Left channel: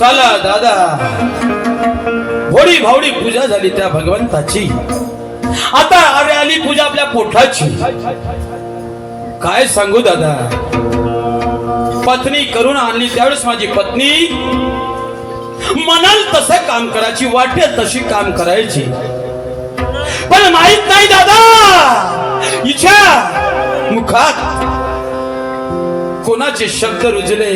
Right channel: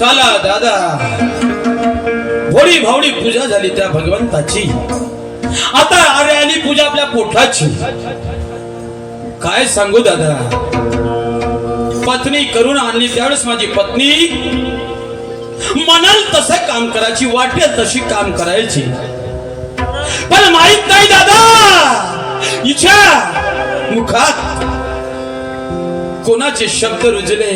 दिवसाला दादा भोळी भावडी पूजा झाली त्या भगवंताची. आता अरे आली पूजा आपल्या पोटाची. काय सांगू दादा, पत्नी करून आणली त्यावेळेस माझी पत्नी म्हणाल तसं काम करायची, वाटेल तशी काम करायची. पण माहित नाही दादा, हिच्या मुखात कोणाचे शब्द रुजले,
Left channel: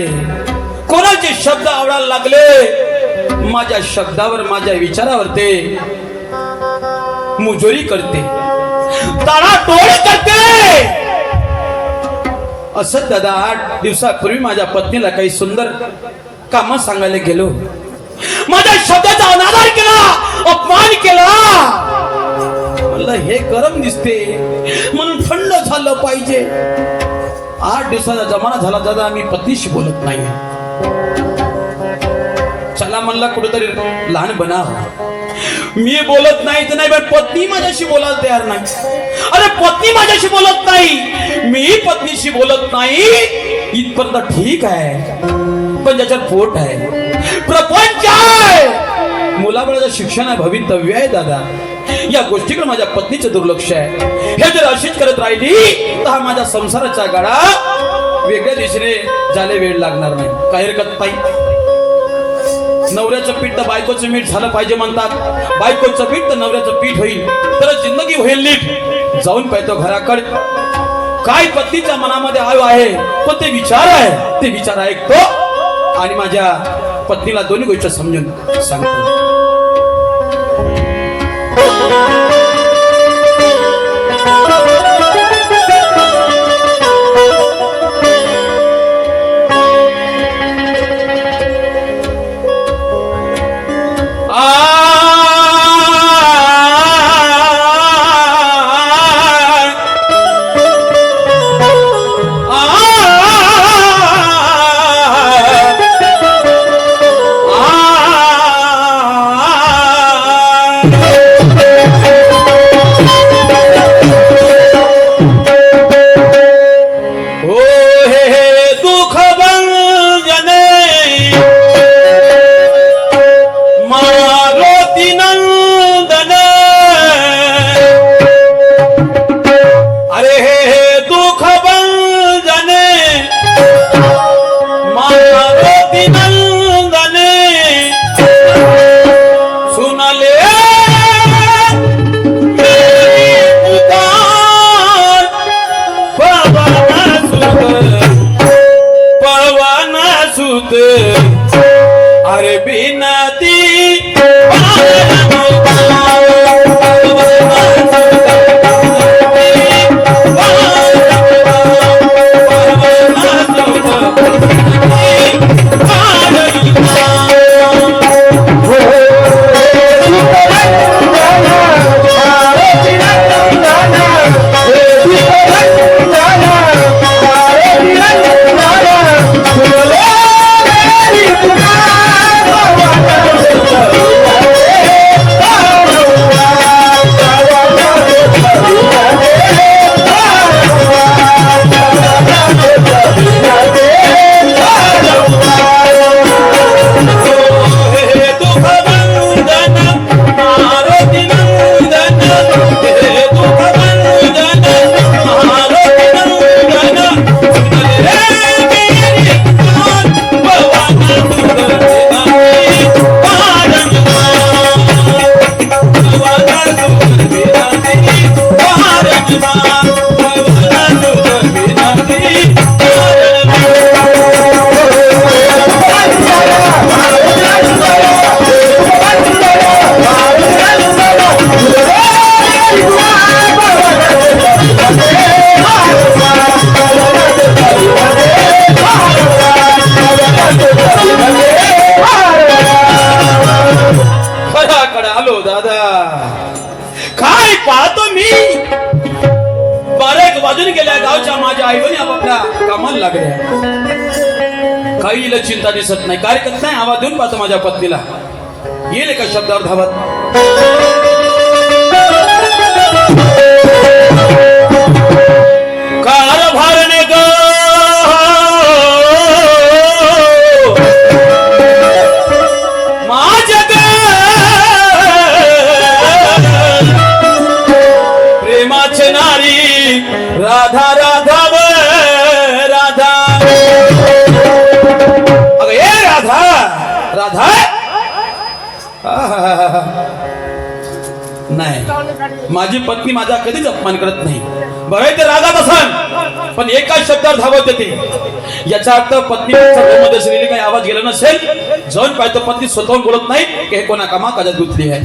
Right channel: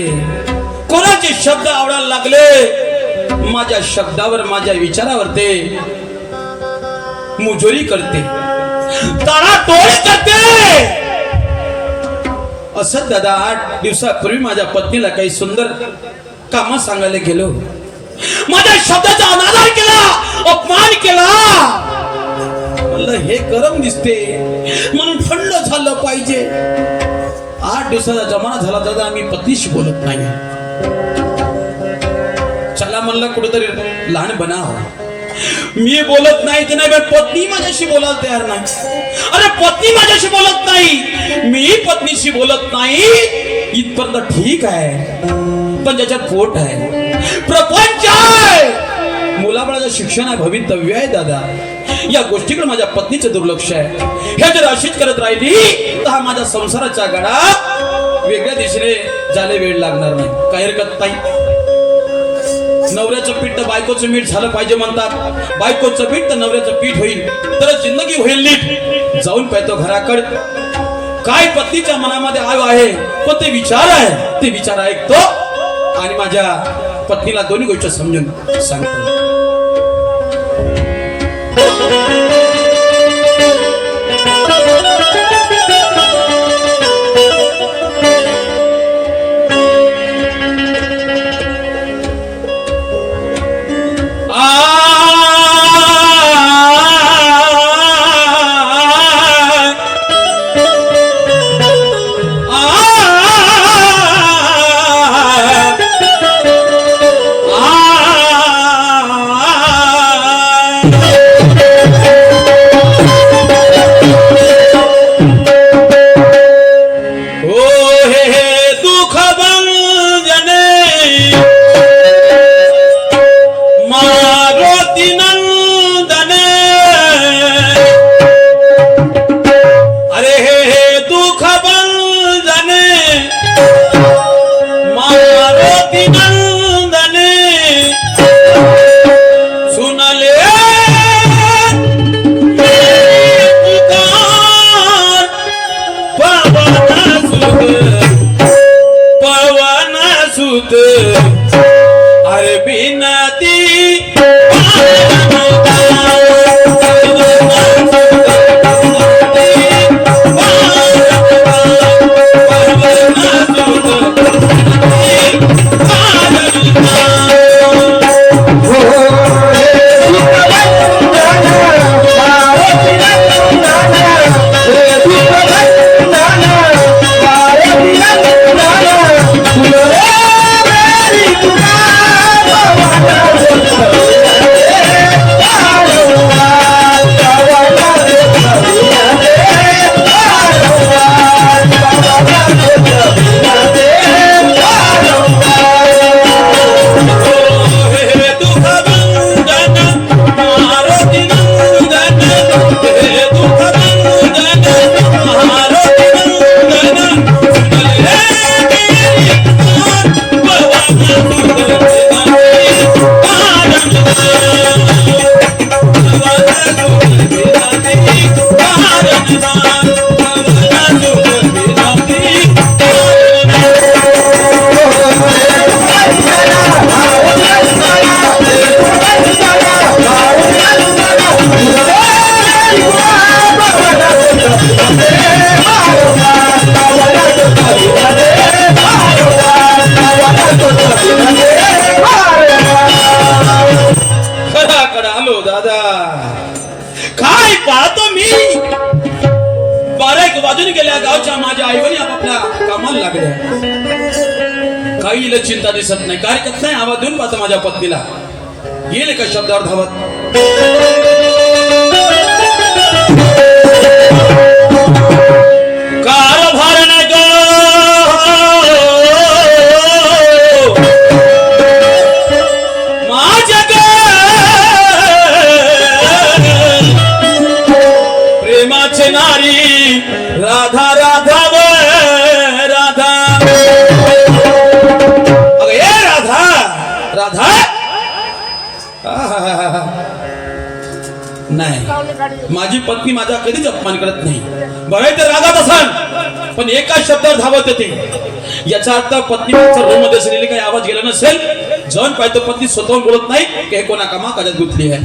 कोणाचे शब्द आवडायला लागले. माझ्या शब्दावर, माझ्या विचारावर ते मुजोरी करते, ताडातोड करते. असं दादा 8 दिवसापूर्वी माझ्या पत्नीला काही सुंदर काम सांगायला गेलो. माझ्या शब्दाचा अनादर केला, अपमान केला. मला हे गरम दिसते म्हणून थंड झालं पाहिजे. 8 दिवसाचा जमाना झाला दादा, मी पत्नीशी बोलत नाही. चला म्हणला कुठेतरी लहान बनाव. मी बोलत नाही ते नाही, पण पत्नी माझ्याशी बोलायला तयार नाही. अरे पत्नी माझ्याशी बोलत नाही, मी पत्नीशी बोलत नाही, इथपर्यंत ठीक आहे. पण ज्याच्यात पोट आहे, प्रपंच आहे, मुलाबाळाचं शिक्षण आहे, भवितव्य आहे दादा, या गोष्टीकडे माझ्या पत्नीचं दुर्लक्ष आहे. हे जर अशीच करत राहिली तर हा माझ्या संसाराचा गाडा वेगळ्या दिशेने जायला वेळ लागणार नाही. काय हरकत नाही. नवऱ्याचं पीठ तर बायकोचं मीठ झालं पाहिजे म्हणतात. बायकोचं पीठ तर नवऱ्याचं पीठ होईल तरच जिंदगी होईल नीट. जाऊन पाहतो घराकडे काय पत्नीच्या मनामध्ये आहे, पण ते विचार आहे, ते विचार ऐकतो आणि माझ्या पत्नीला दोन्ही गोष्टी समजून सांगतो. अरे बिनती आलो दादा. काय पाहतो मी, 12 वाजून गेल्या. गावच्या माझ्या आईवणी आपापल्या कामाला लागल्या. काही चिंता दिसत नाही, काय करत नाही. आवाज देऊन पाहतो माझ्या पत्नीला, येईल एका शब्दावर धावत. नाही, माझी पत्नी माझा कधीच अपमान करत नाही. बघाय ते रागात असाल पण एका शब्दात धावत येते. याचा अर्थ पत्नीच्या रूममध्ये असलेली काही आवाज गेला नसेल. जाऊन पाहतो पत्नी स्वतःहून बोलत नाही की हे कोणा कामा काजात गुंतली आहे.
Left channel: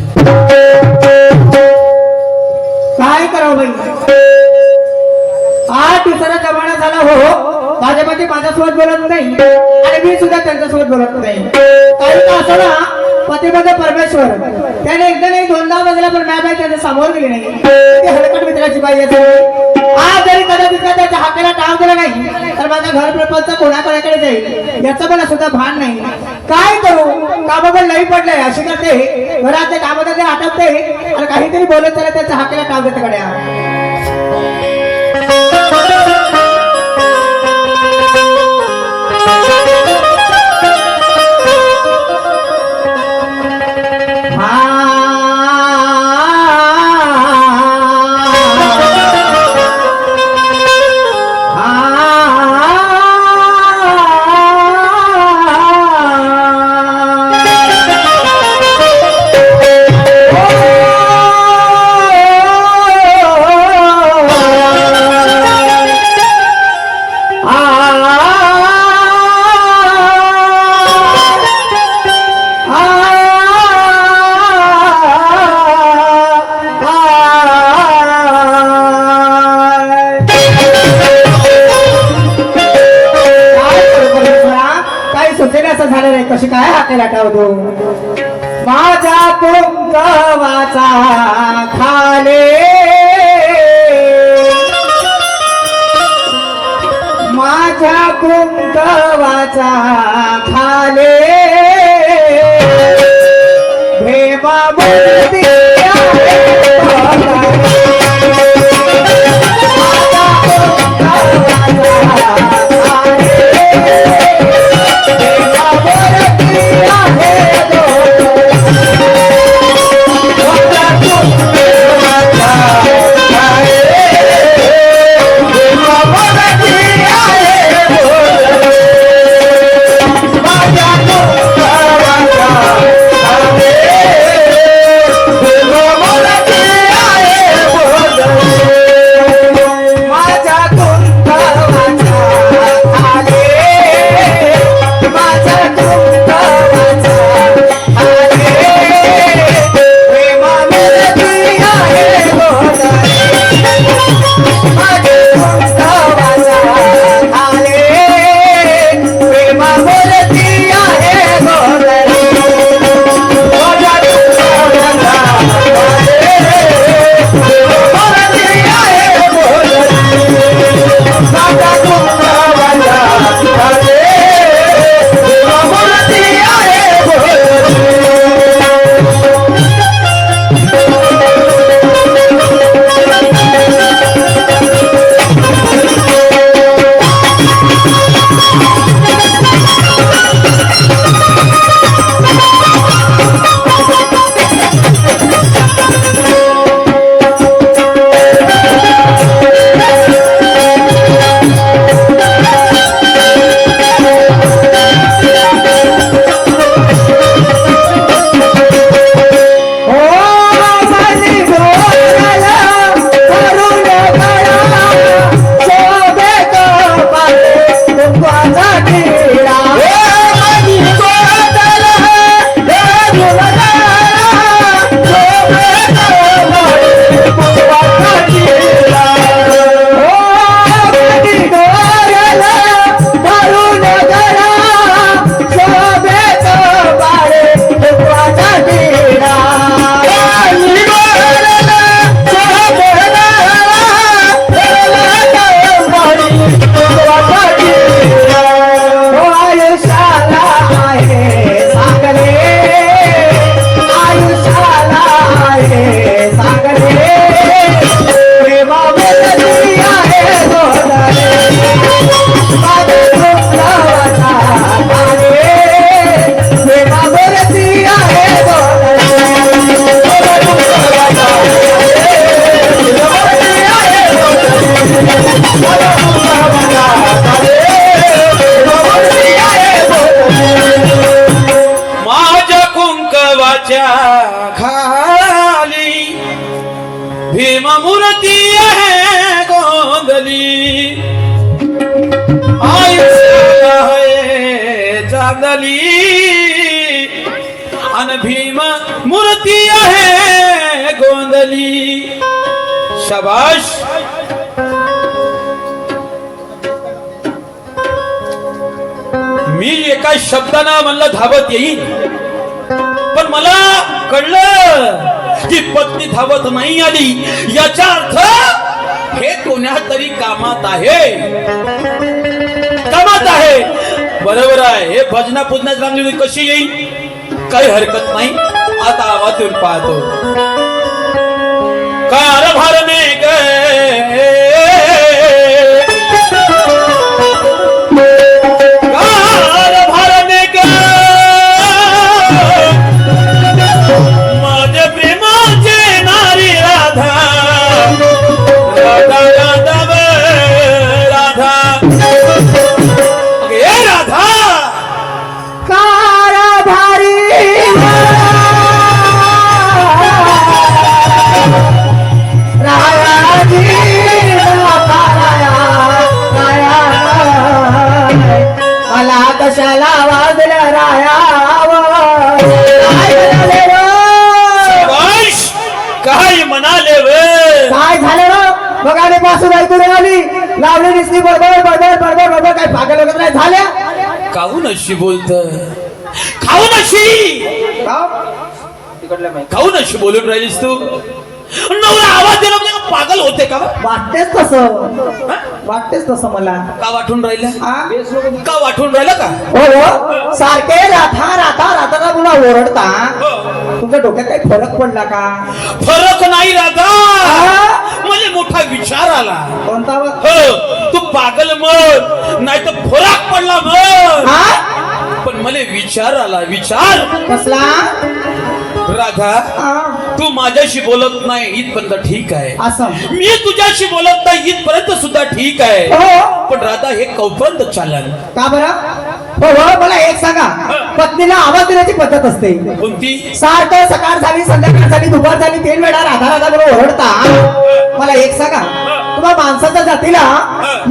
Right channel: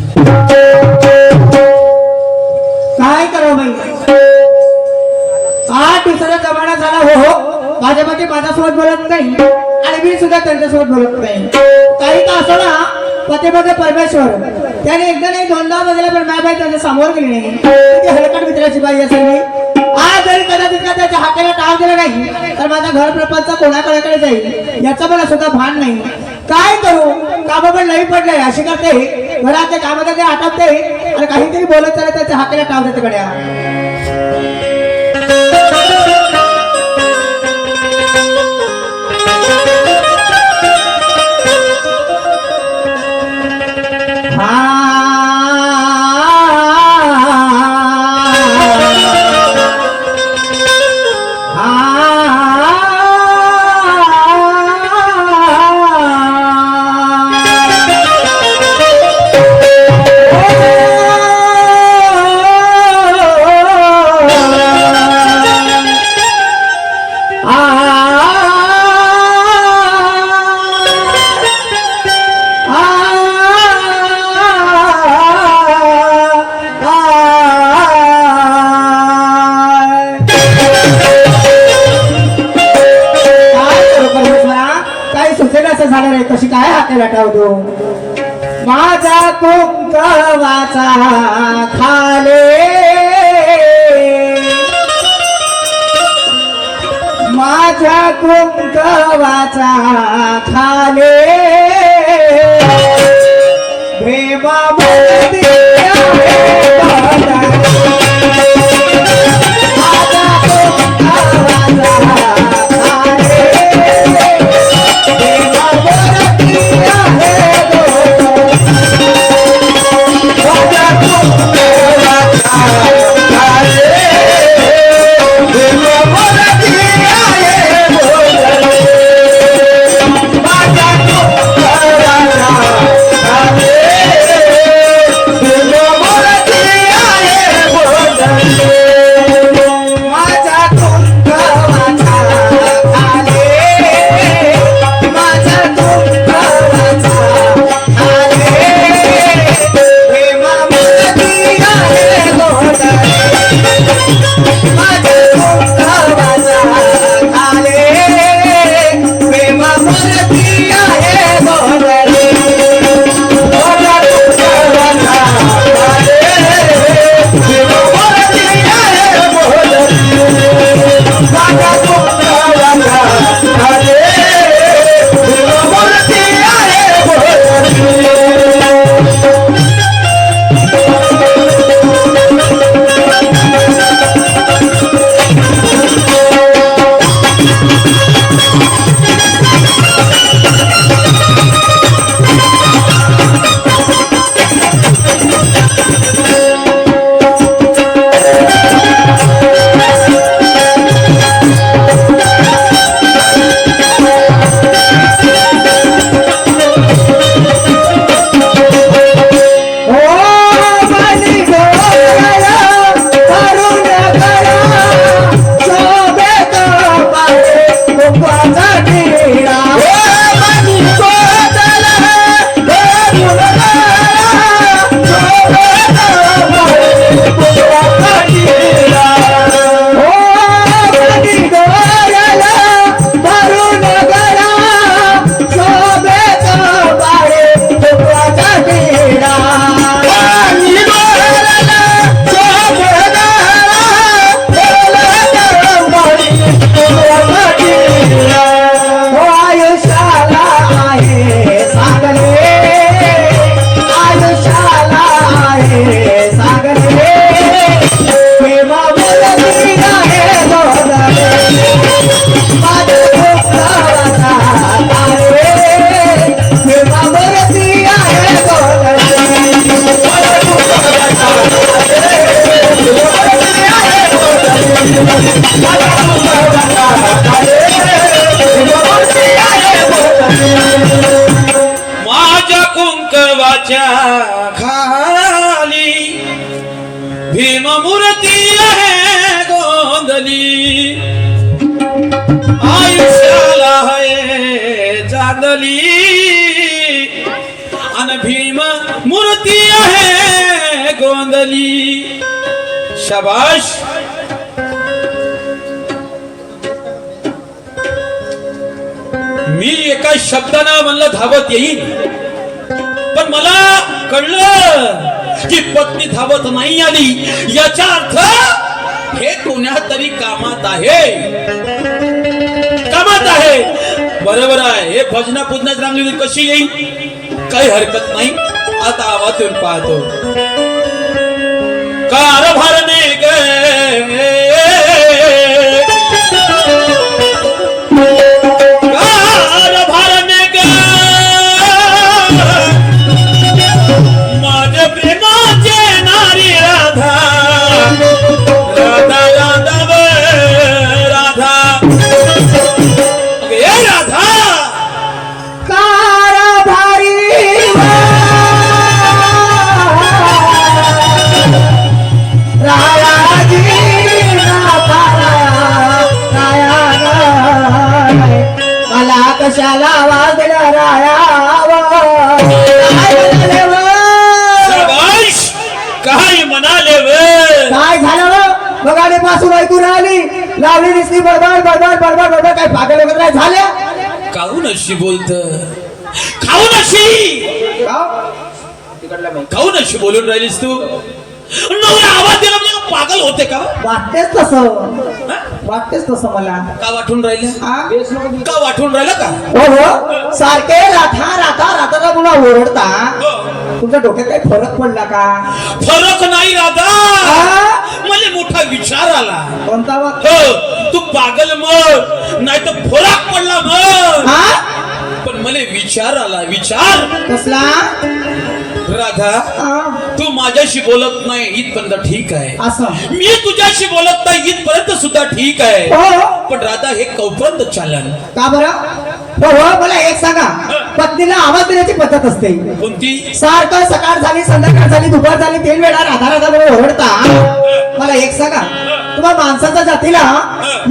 काय करावं बाई, 8 दिवसाचा जमाना झाला. हो माझ्या पती माझ्यासोबत बोलत नाही आणि मी सुद्धा त्यांच्यासोबत बोलत नाही. काही तर असं ना पतीमध्ये परमेश्वर, त्याने एकदा नाही दोनदा बघितला पण माझ्या बाई त्याच्या समोर गेली नाही. ती हलकट मित्राची बाई असेल मी. आज जरी कदाचित का त्याच्या हाकेला टाळ दिला नाही तर माझा घर प्रपंच कोणाकडे जाईल याचं पण सुद्धा भान नाही. काय करू, कामं पण नाही पडलंय. अशी करते घरात कामात ते आटपते आणि काहीतरी बोलत चालत त्याच्या हाकेला टाळ देते गड्या. कशी काय हाकेला टावतो माझा कुंकवाचा खाले, माझ्या कुंकवाचा खाले प्रेमा बोलती माझ्या कुंकवाच्या खाली भीम मूर्ती आहे गोंधली आयुष्याला आहे चांदली अन भीम मूर्ती आहे गोंधली. शाबाश. मी एका शब्दानं म्हणलं धावत येईल, पण मला कळलं की पत्नी धावत नाही आली याचा अर्थ हे कोण्या तरी कामात आहे. कामात आहे. बरोबर आहे. हे भजना पूजनाच रामदेवी कशी येईल काही हरकत नाही. आता आवाज येऊन पाहतो. कारभारने गे कशाला वाजलं रायाव काय म्हणाले वे. काय झालं बघाने पासून ऐकून राहिली लावली दिसली बडबड बडबड बडबड बडबड. काय पागल वगैरे नाही झाल्या. काहून अशी बोलत खाऊन अशी काहून अशी बोलून राहिलीस तू. नवरा आवाज दिला म्हणजे पागल होते का. वाटतेच तसं वाटतेच तसं मला. का वाटून राहिलं. का वाटून राहिलं का. हो सारखे राथा राथा राथा मुला ओरडता. तुमच्या डोक्यात काही फरक पडला का. फरक नाही राधा. मला मोठा विचार आला. कोणता. हो तू पागल मग नाही तर फरक पडला मग. पण मला विचार आला. विचार कसला. राधा तू माझ्याशी बोलत नाही इथपर्यंत ठीक आहे. असं मी तुझ्याशी बोलत नाही इथपर्यंत सुद्धा ठीक आहे. पण राधा हे कौपर्यंत चालन का बरं. हो हो मला एक सांगा. पत्नीला आवाज देण्याची पद्धत असते कोणती. सारखं सकाळ झाली संध्याकाळ झाली दुपार झाली 3 वेळा राधा राधा म्हणून ओरडता. मला एक सांगा तुम्हाला माणसाच्या जातीला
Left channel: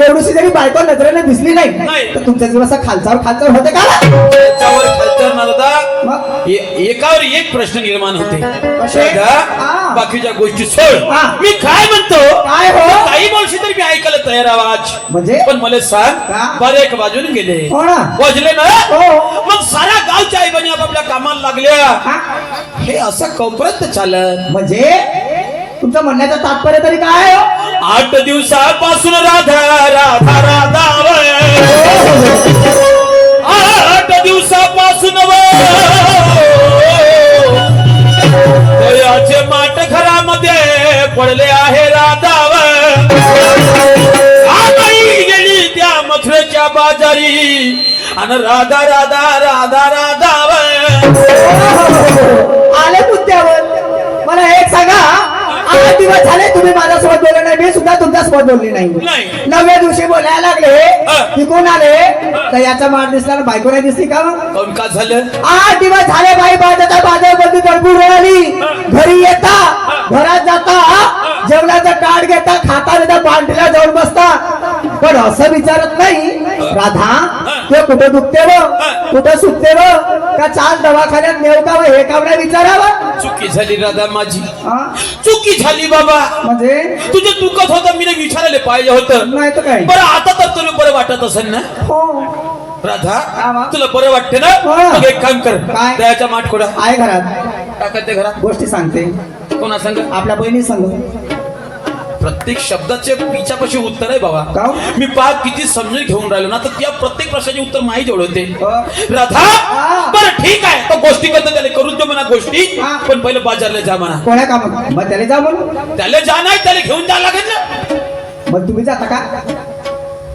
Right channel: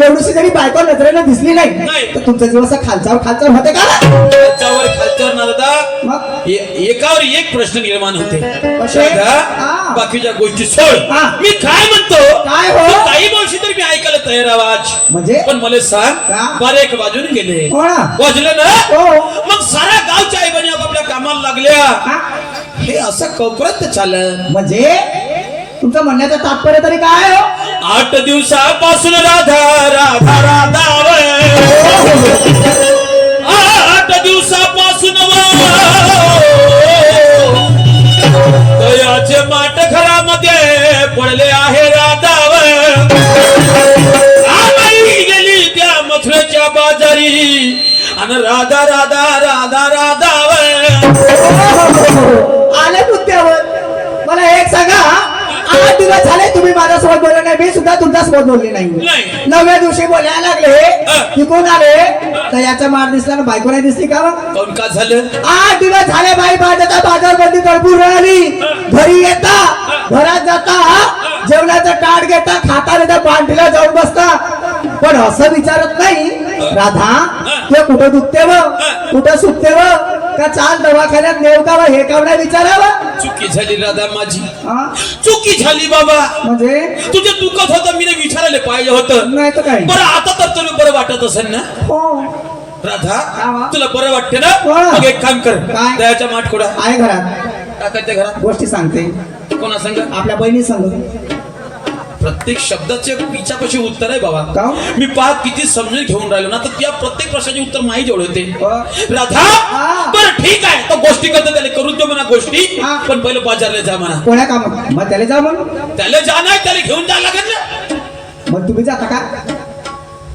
एवढीशी जरी बायको नजरेने दिसली नाही तर तुमच्या जीव असं खालचावर खालचावर होते का. त्याच्यावर खालचावर नरदा एकावर एक प्रश्न निर्माण होते. बाकीच्या गोष्टी सोड. मी काय म्हणतो काय हो काही गोष्टी तरी मी ऐकायला तयार आवाज म्हणजे. पण मला सांग बरे एक वाजून गेले वाजले ना. मग साऱ्या गावच्या आई बहिणी आपापल्या कामाला लागल्या. हे असं कौपर्यंत चालत म्हणजे तुमचं म्हणण्याचं तात्पर्य तरी काय. 8 दिवसापासून राधा राधा राधा 8 दिवसापासून दयाचे माट घरामध्ये पडले आहे राधाव. आई गेली त्या मथुरेच्या बाजारी आणि राधा राधा राधा राधाव. आले मुद्द्यावर. मला एक सांगा 8 दिवस झाले तुम्ही माझ्यासोबत बोलले नाही. मी सुद्धा तुमच्यासोबत बोलली नाही. 9व्या दिवशी बोलायला लागले की कोण आले तर याचा मार दिसला ना बायको नाही दिसली का. काऊन का झालं. 8 दिवस झाले बाई बाजाच्या बाजारबंदी तडपूर राहिली. घरी येता घरात जाता जेवणाचं ताट घेता खाता नेता पांढरीला जाऊन बसता. पण असं विचारत नाही राधा ते कुठे दुखते व कुठे सुटते व का चाल दवाखान्यात नेऊ का हे काम नाही विचारावं. चुकी झाली राधा माझी. चुकी झाली बाबा. म्हणजे तुझे दुखत होतं मी विचारायला पाहिजे होतं. नाही तर काय. बरं आता तर तुला बरं वाटत असेल ना. हो राधा तुला बरं वाटते ना. मग एक काम कर दयाच्या माठ खोडा आहे घरात. टाकायच्या घरात गोष्टी सांगते. कोणा सांग. आपल्या बहिणी सांग. प्रत्येक शब्दाचे विचारपाशी उत्तर आहे बाबा. मी पाहत किती समजून घेऊन राहिलो ना तर त्या प्रत्येक प्रश्नाचे उत्तर माही जवळ होते. राधा बरं ठीक आहे तर गोष्टी करता त्याला करून दे म्हणा गोष्टी. पण पहिले बाजारला जा म्हणा. कोणा काम मग त्याला जा म्हणून. त्याला जा नाही त्याला घेऊन जा लागेल ना. मग तुम्ही जाता का.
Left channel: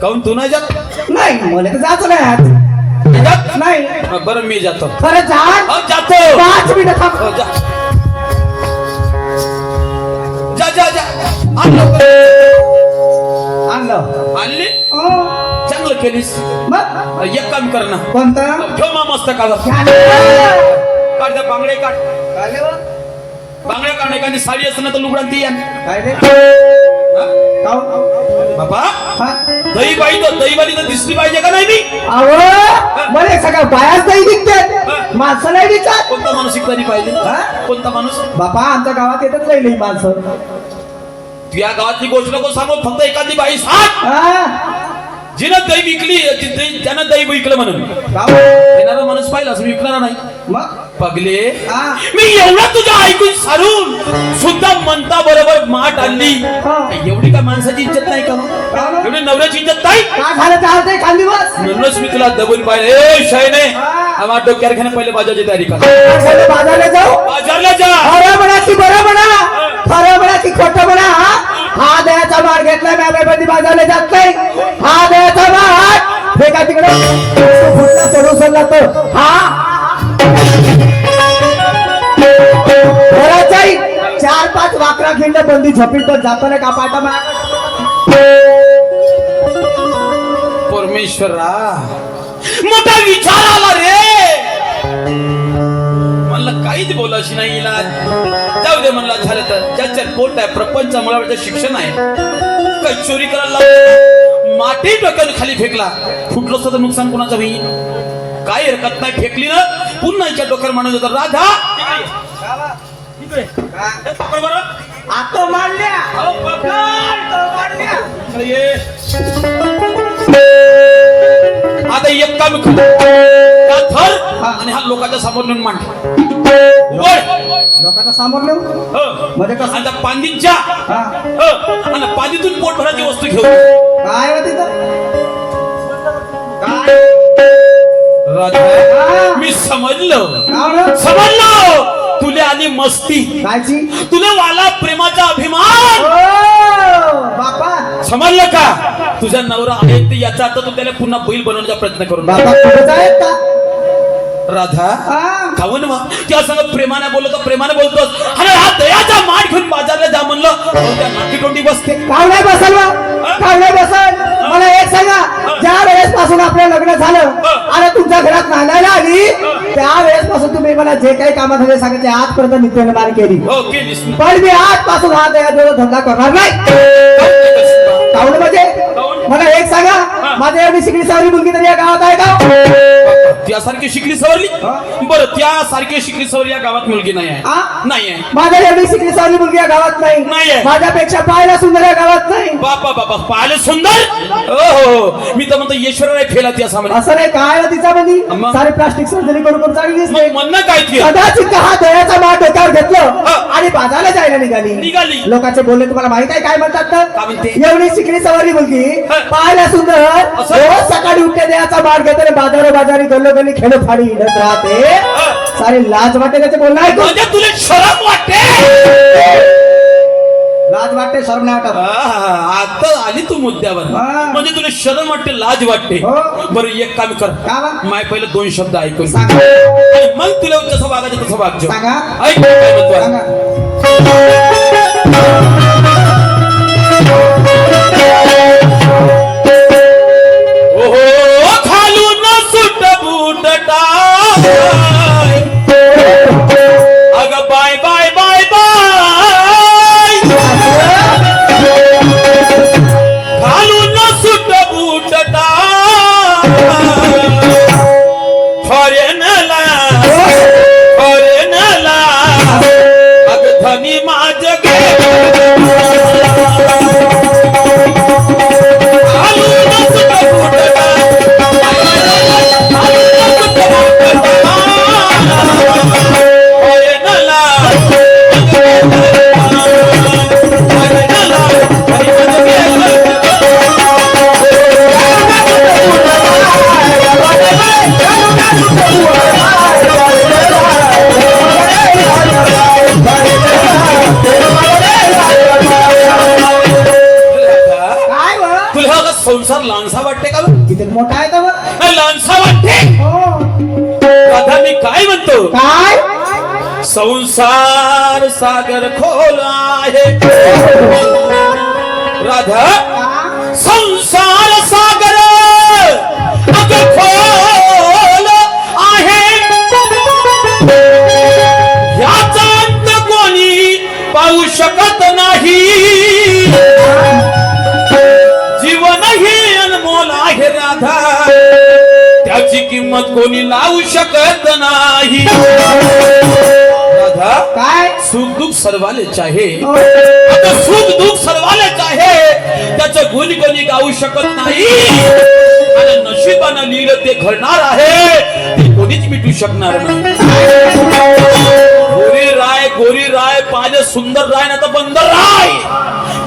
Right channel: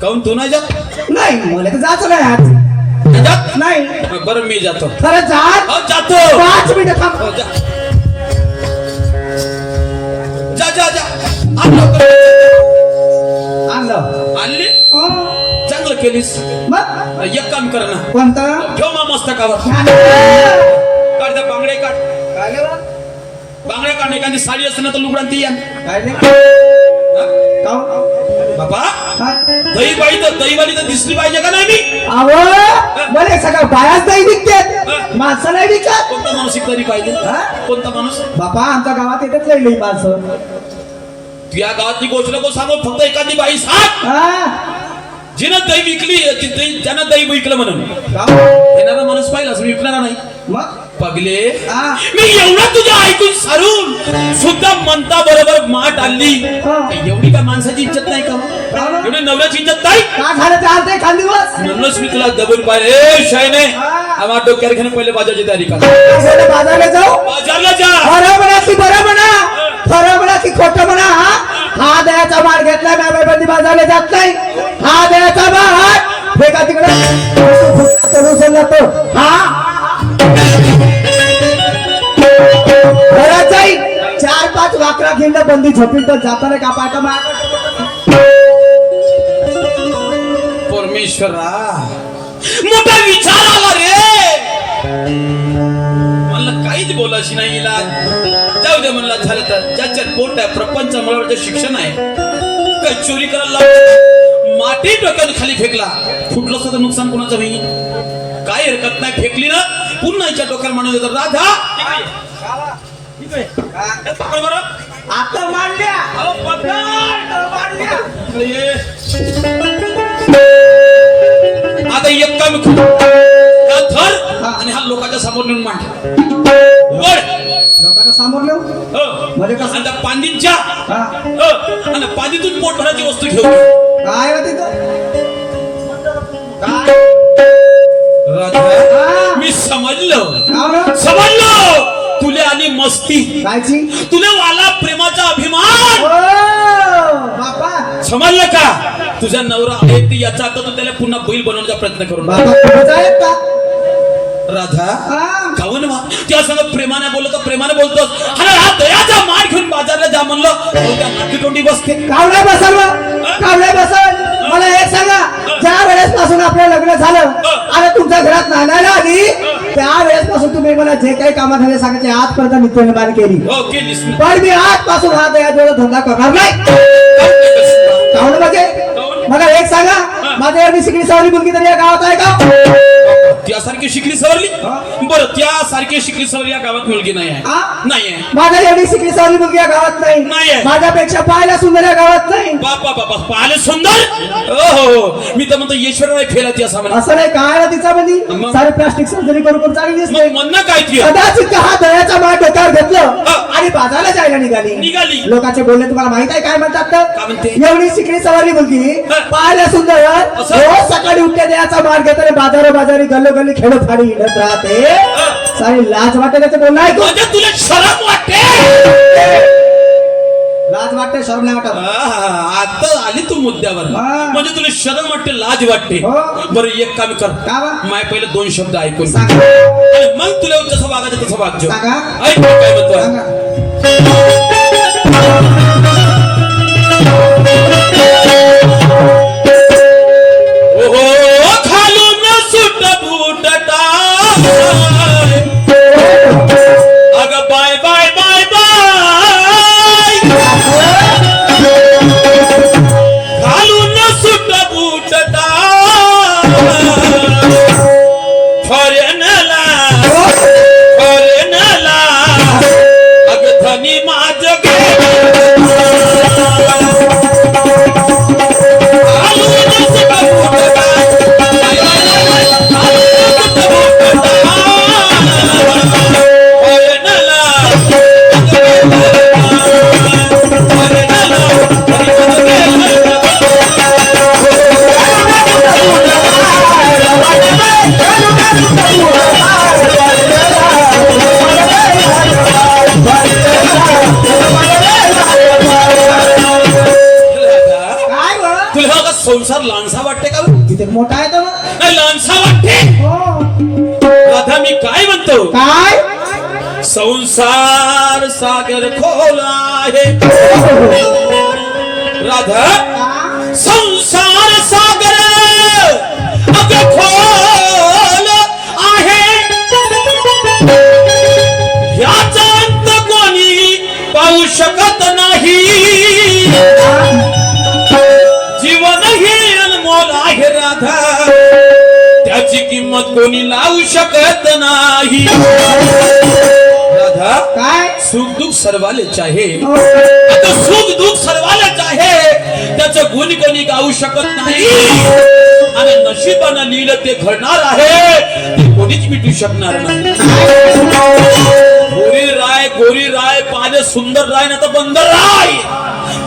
काऊन तू नाही जात. नाही मला तर जायचं नाही. जात नाही. बरं मी जातो. खरं जातो. 5 मिनिटं थांब. जा जा जा. आणली चांगलं केलीस. मग एक काम कर ना. कोणतं. ठेव मा मस्तकावर. काढ बांगडे काढ. बांगड्या काढ एखादी साडी असते ना तर लुगडां ती या काय रे हा? काहून? बाबा हा? दही बाई तर दहीवाली तर दिसली पाहिजे का नाही मी अहो मला सगळं बायाच नाही दिसतात माणसं नाही दिसत कोणता माणूस तरी पाहिजे हा? कोणता माणूस बापा आमच्या गावात येतच नाही माणसं तुझ्या गावातली गोष्ट नको सांगू फक्त एखादी बाई सांग हा? जिनं दही विकली ज्यानं दही विकलं म्हणून काहून? येणारा माणूस पाहिला असं विकणारा नाही मग पगले हा? मी एवढा तुझ्या ऐकून सारून सुद्धा म्हणता बरोबर माठ आणली हा. एवढी काय माणसाची इज्जत नाही का काहून? एवढी नवऱ्याची इज्जत नाही काय झालं चालतंय खान दिवस म्हणूनच मी तुला दबून पाहिजे ए शयने हा. आम्हा डोक्यावर घेणे पहिले बाजारची तयारी कर बाजारला जाऊ बाजारला जा खरं म्हणा की बरं म्हणा खरं म्हणा की खोटं म्हणा हा दयाचा मार घेतला मॅमेबंदी बाजारला जात नाही हा दयाचा मार हे का तिकडे सोडून सोडला तो हा घरात जाईल 4-5 वाकरा खिंड बंदी झोपीत तर जाताना का पाटा मार परमेश्वरा मोठा विचार आला रे मला काहीच बोलायची नाही इलाज जाऊ दे म्हणला झालं तर ज्याच्यात पोट आहे प्रपंच मुलाचं शिक्षण आहे काही चोरी करायला लावलं माती डोक्यावर खाली फेकला फुटलं असतं तर नुकसान कोणाचं होईल काय हरकत नाही फेकली ना पुन्हा हिच्या डोक्यावर माणूस होता राधा पकड बरं आता मांडल्या अहो, पकड. इकडे ये. आता एक काम कर हा धर आणि हा लोकांच्या समोर नेऊन मांड उघड लोकांचा समोर नेऊ म्हणजे कसं? आता पांदीच्या हा. आणि पांदीतून पोट भरायची वस्तू घेऊन काय होत तिथं काय राधा मी समजलं समजलं तुला आली मस्ती कायची तुला वाला प्रेमाचा अभिमान बापा समजलं का तुझा नवरा आहे ते याचा अर्थ तू त्याला पुन्हा बैल बनवण्याचा प्रयत्न करून बाबा कुठेच आहेत का राधा हा. काऊन वा त्या सगळं प्रेमाने बोलतो प्रेमाने बोलतोस अरे हा दयाचा मार घेऊन बाजारला जा म्हणलं अहो, त्या नाकी तोंडी बसते काव नाही बसल काव नाही बसल मला एक सांगा ज्या वेळेस पासून आपलं लग्न झालं आणि तुमच्या घरात नांदायला आली त्या वेळेस पासून तुम्ही मला जे काही कामात हवे सांगितले आजपर्यंत नित्यनिर्माण केली ओके लिसन पण मी आजपासून हा दयाजवळ धंदा करणार नाही काऊन म्हणजे मला एक सांगा माझ्या एवढी शिकली सावरी मुलगी तरी या गावात आहे का त्यासारखी शिकली सवरली बरं त्यासारखी शिकली सवरली या गावात मुलगी नाही आहे नाही आहे माझ्या एवढी शिकली सावरी मुलगी या गावात नाहीये. नाही माझ्यापेक्षा पाहायला सुंदर या गावात नाही बापा बापा पाहिले सुंदर हो मी तर म्हणतो ईश्वराला फेला ती असा म्हणे असं नाही काय तिचा म्हणजे मग? सारे प्लास्टिक सर्जरी करून चांगली दिसते मग म्हणणं काय ती कदाचित का हा दयाचा मार डोक्यावर घेतलं आणि बाजारला जायला निघाली निघाली. लोकांचे बोलणे तुम्हाला माहित आहे काय म्हणतात काय तर म्हणते? एवढी शिकली सवारी मुलगी पाहायला सुंदर असं? रोज सकाळी उठते दयाचा मार घेताना बाजारी गल्लोगल्ली खेळ फाडी हिंडत राहते सारी लाज वाटते त्याचे बोलणं ऐकून म्हणजे तुला शरम वाटते लाज वाटते शरम नाही वाटत आता आली तू मुद्द्यावर म्हणजे तुला शरम वाटते लाज वाटते हो. बरं एक काम कर का बा? माय पहिले 2 शब्द ऐकून सांगा. आणि मग तुला जसं वागायचं तसं वागजो सांगा. ऐक काय म्हणतो सांगा. ओहो खालून सुट बूट टाक अग बाय बाय बाय बाय खालून सुट बूट टाक फॉरेनला अग धनी माझ गे काय बरं? तुला हा संसार लहानसा वाटते का किती मोठा आहे तर लहानसा वाटते राधा मी काय म्हणतो काय संसार सागर खोल आहे राधा संसार सागर अगं खोल आहे याचा अंत कोणी शकत नाही जीवन हे अनमोल आहे राधा त्याची किंमत कोणी लावू शकत नाही राधा काय सुख दुःख सर्वाले चाहे हो. आता सुख दुःख सर्वाले चाहे त्याचं गुण कोणी गाऊ शकत नाही आणि नशिबानं लिहिलं ते घडणार आहे ते कोणीच मिटू शकणार नाही गोरी राय पाहिजे सुंदर राय नाही तर बंदर राय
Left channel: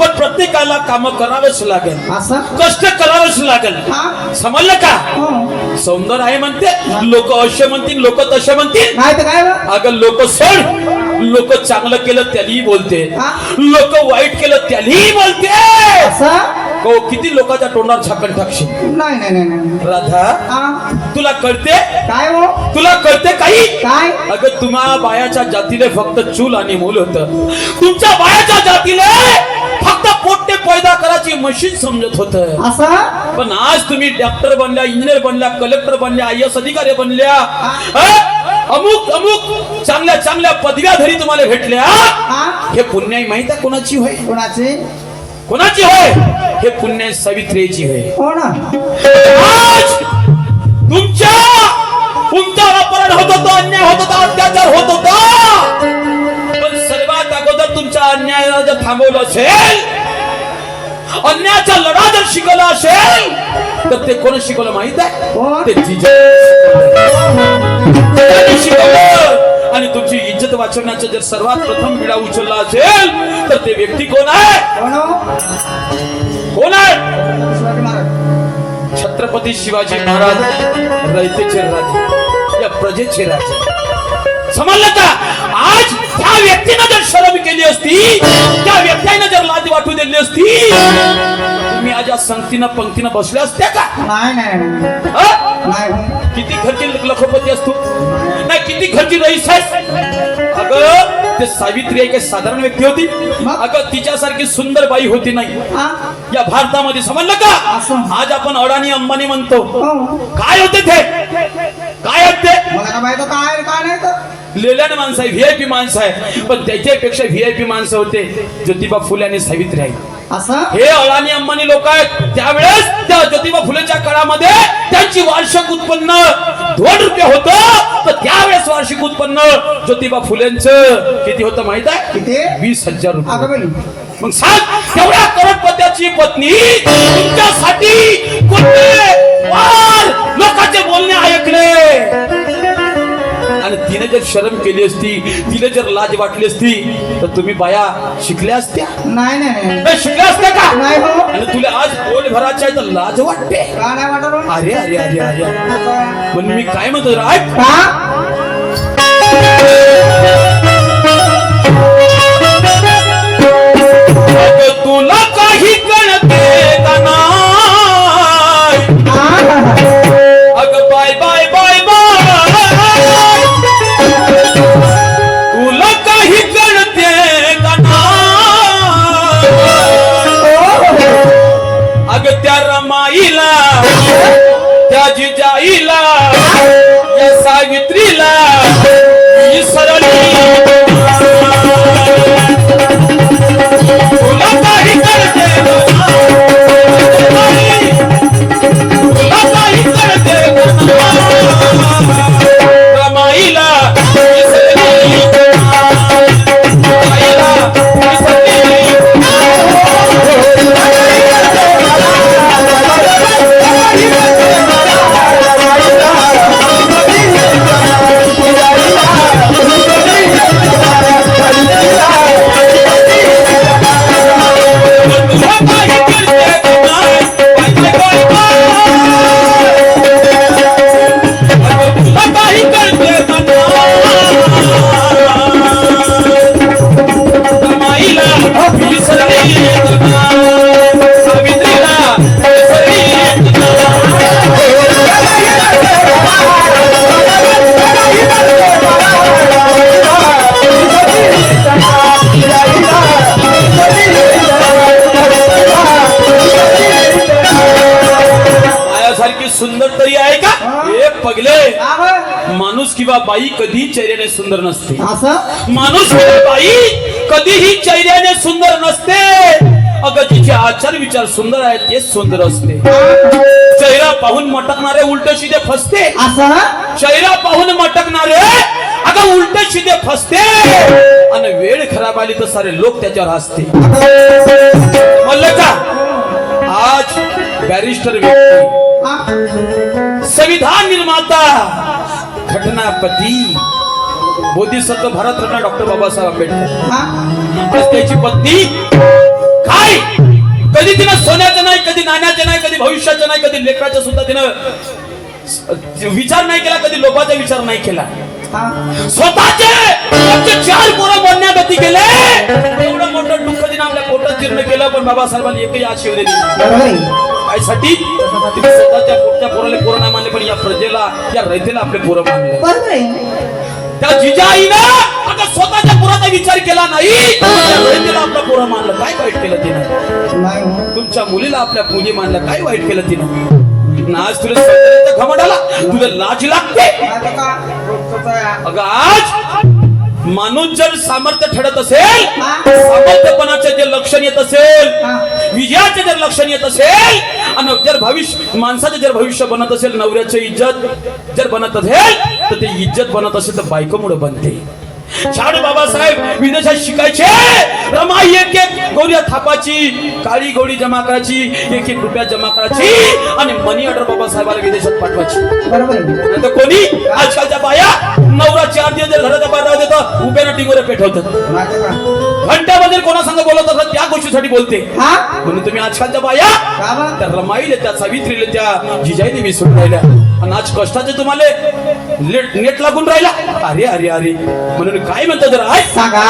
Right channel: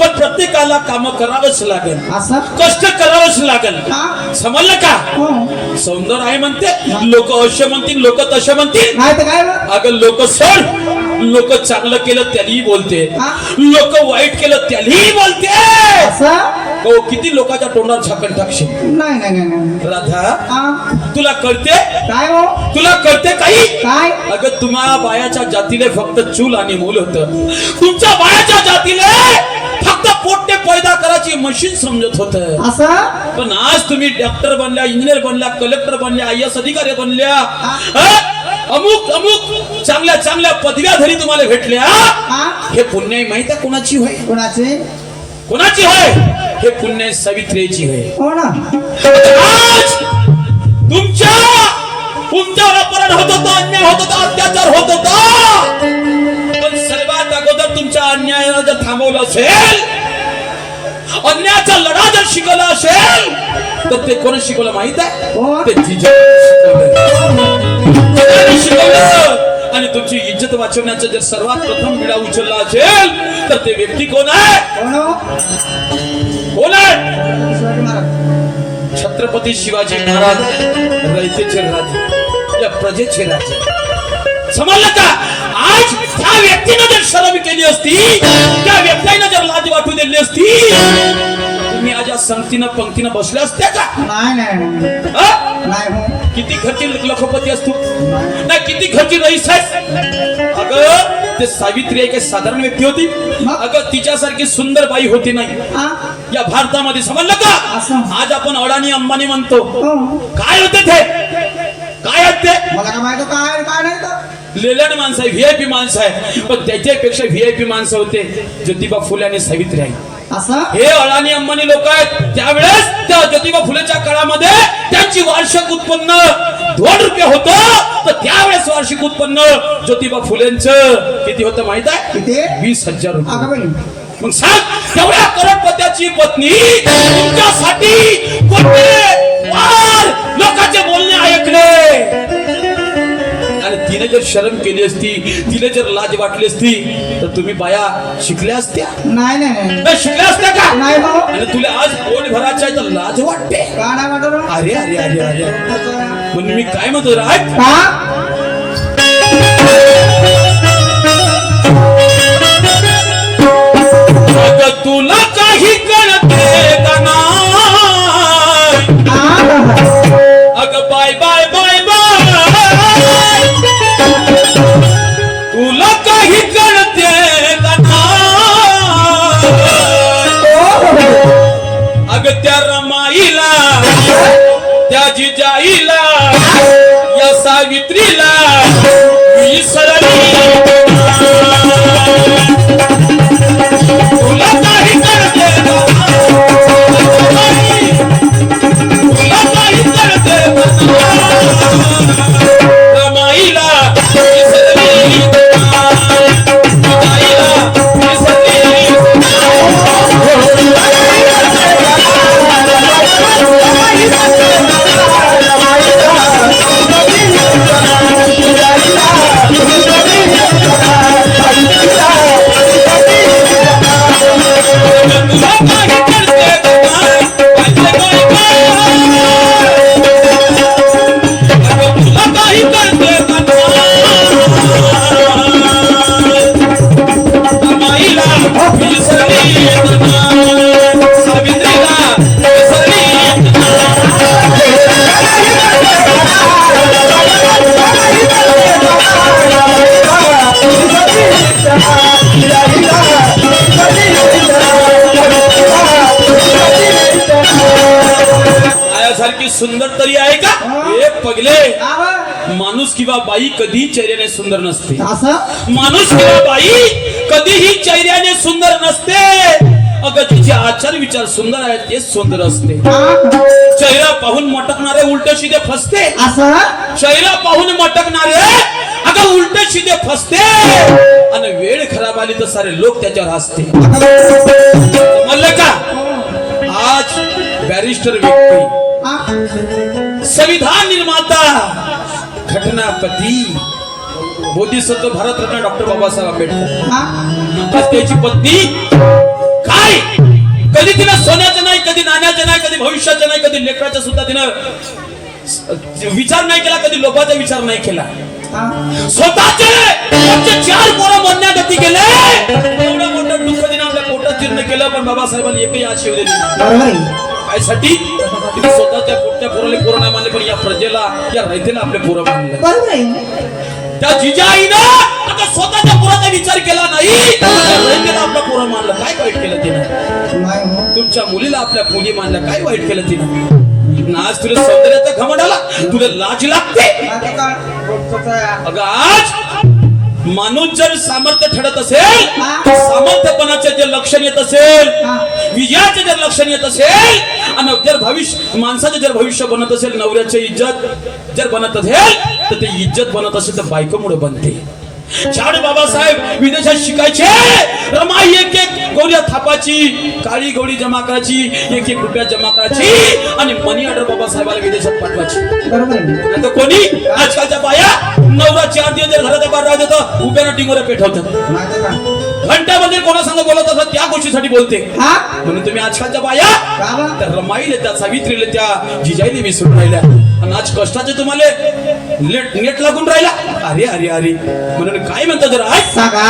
पण प्रत्येकाला काम करावंच लागेल असं कष्ट करावंच लागेल हा? समजलं का हो. सौंदर्य आहे म्हणते लोक असे म्हणतील लोक तसे म्हणतील नाही तर काय बा? अगं लोक सोड लोक चांगलं केलं त्यालाही बोलते हा? लोक वाईट केलं त्यालाही बोलते असं हो किती लोकांच्या तोंडावर झाकण टाकशील नाही नाही नाही नाही राधा हा? तुला कळते काय हो तुला कळते काही काय अगं तुम्हा बायाच्या जातीले फक्त चूल आणि मूल होत तुमच्या बायाच्या जातीले फक्त पोट्टे पैदा करायची मशीन समजत होत असं पण आज तुम्ही डॉक्टर बनल्या इंजिनियर बनल्या कलेक्टर बनल्या IAS अधिकारी बनल्या अमुक अमुक चांगल्या चांगल्या पदव्याधरी तुम्हाला भेटल्या हा? हे पुण्याई माहित आहे कोणाची होय कोणाची कोणाची होय हे पुण्य सावित्रीची होय हो ना आज तुमच्या अपहरण होत होतं अन्याय होत होता अत्याचार होत होता पण सर्वात अगोदर तुमच्या अन्यायाला जर थांबवलं असेल अन्यायाचा लढा जर शिकवला असेल तर ते कोण शिकवलं माहित आहे कोण? ते जिजाऊने शिकवलं आणि तुमची इज्जत वाचवण्याचा जर सर्वात प्रथम विडा उचलला असेल तर ते व्यक्ती कोण आहे कोण हो? कोण आहे शिवाजी महाराज छत्रपती शिवाजी महाराज रयतेचे राजे या प्रजेचे राजे समजलं का आज त्या व्यक्तीनं जर शरम केली असती त्या व्यक्तीनं जर लाज वाटू दिली असती तुम्ही आज या संगतीनं पंक्तीनं बसल्या असत्या का नाही नाही नाही हा? नाही हो. किती खर्ची लखपती असतो नाही किती खर्ची रईस आहे अगं ते सावित्री एक साधारण व्यक्ती होती अगं तिच्यासारखी सुंदर बाई होती नाही हा? या भारतामध्ये समजलं का असं. आज आपण अडाणी अंबानी म्हणतो हो. काय होते ते काय होते मला काय माहित काय काय नाही तर लेल्याने माणसं आहे VIP माणसं आहे पण त्याच्यापेक्षा VIP माणसं होते ज्योतिबा फुले आणि सावित्री आहे असं हे अडाणी अंबानी लोक आहेत त्यावेळेस त्या ज्योतिबा फुलेच्या काळामध्ये त्यांची वार्षिक उत्पन्न 2 रुपये होतं तर त्यावेळेस वार्षिक उत्पन्न ज्योतिबा फुलेंचं किती होतं माहित आहे किती 20,000 रुपये अगं बाई मग सांग तेवढ्या करोडपत्याची पत्नी तुमच्यासाठी कोणते वार लोकांचे बोलणे ऐकले आणि तिने जर शरम केली असती तिने जर लाज वाटली असती तर तुम्ही बाया शिकल्या असत्या नाही नाही नाही नाही शिकल्या असत्या का नाही हो. आणि तुला आज पोट भरायचं आहे तर लाज वाटते का नाही वाटत हो? अरे अरे अरे अरे पण मी काय म्हणतो राज का अगं तुला काही कळते का नाही अगं बाय बाय बाय बाय तुला काही कळते का नाही अगं त्या रमाईला त्या जिजाईला या सावित्रीला विसरली तुला काही कळते का नाही? तुला काही कळते का नाही? रमाईला विसरली जिजाईला विसरली तुला काही कळते का नाही? पाहिजे काय अगं तुला काही कळते का नाही? रमाईला विसरली सावित्रीला विसरली मायासारखी सुंदर तरी आहे का हे पगले माणूस किंवा बाई कधी चेहऱ्याने सुंदर नसते असं माणूस किंवा बाई कधीही चेहऱ्याने सुंदर नसते, अगं जिचे आचार विचार सुंदर आहेत तेच सुंदर असते. चेहरा पाहून मटकणारे उलट सीधे फसते. असं चेहरा पाहून मटकणारे अगं उलट सीधे फसते, आणि वेळ खराब आली तर सारे लोक त्याच्यावर हसते. म्हणलं का आज बॅरिस्टर व्यक्ती, संविधान निर्माता, घटनापती, बोधिसत्व भारतरत्न डॉक्टर बाबासाहेब आंबेडकर, आज त्याची पत्नी काय कधी तिनं सोन्याचं नाही, कधी नाण्याचं नाही, कधी भविष्याचं नाही, कधी लेकराचं सुद्धा तिनं विचार नाही केला, कधी लोभाचा विचार नाही केला. स्वतःचे 4 पोरं मरण्यागती गेले, एवढं मोठं दुःख तिनं आपल्या पोटात जीर्ण केलं, पण बाबासाहेबांनी एकही आज शिव दिली काय साठी? तिने स्वतःच्या पोटच्या पोराला पोरं नाही मानले, पण या प्रजेला, या रयतेला आपले पोरं मानले. त्या जिजाईनं आता स्वतःच्या पोराचा विचार केला नाही, रयतेला आपला पोरं मानलं. काय वाईट केलं तिनं? तुमच्या मुलीला आपल्या मुली मानलं, काय वाईट केलं तिनं? आज तुला सौंदर्याचा घमंड आला, तुला लाज लागते. अगं आज माणूस जर सामर्थ्य ठरत असेल, सामर्थ्यपणाचे जे लक्षण येत असेल, विजयाचे जर लक्षण येत असेल, आणि जर भविष्य माणसाचे जर भविष्य बनत असेल, नवऱ्याचे इज्जत जर बनत असेल, तर ते इज्जत बनत असेल तर बायकोमुळे बनते. छाड बाबासाहेब विदेशात शिकायचे, रमाई एक गौऱ्या थापाची, काळी गौरी जमा करायची, 1 रुपया जमा करायची, आणि मनी ऑर्डर बाबासाहेबाला विदेशात पाठवायची. नाही तर कोणी आजकालच्या बाया नवरा 4 दिवस जर घराच्या बाहेर राहत होतं, उभ्यानं टिंगोऱ्या पेठवतात. घंट्यामध्ये कोणा संग बोलत असत त्या गोष्टीसाठी बोलते. म्हणून तुम्ही आजकालच्या बाया त्या रमाईले, त्या सावित्रीले, त्या जिजाईने विसरून राहिल्या, आणि आज कष्टाचे तुम्हाला नेट लागून राहिला. अरे अरे अरे, म्हणून काय म्हणतात जरा आज सांगा.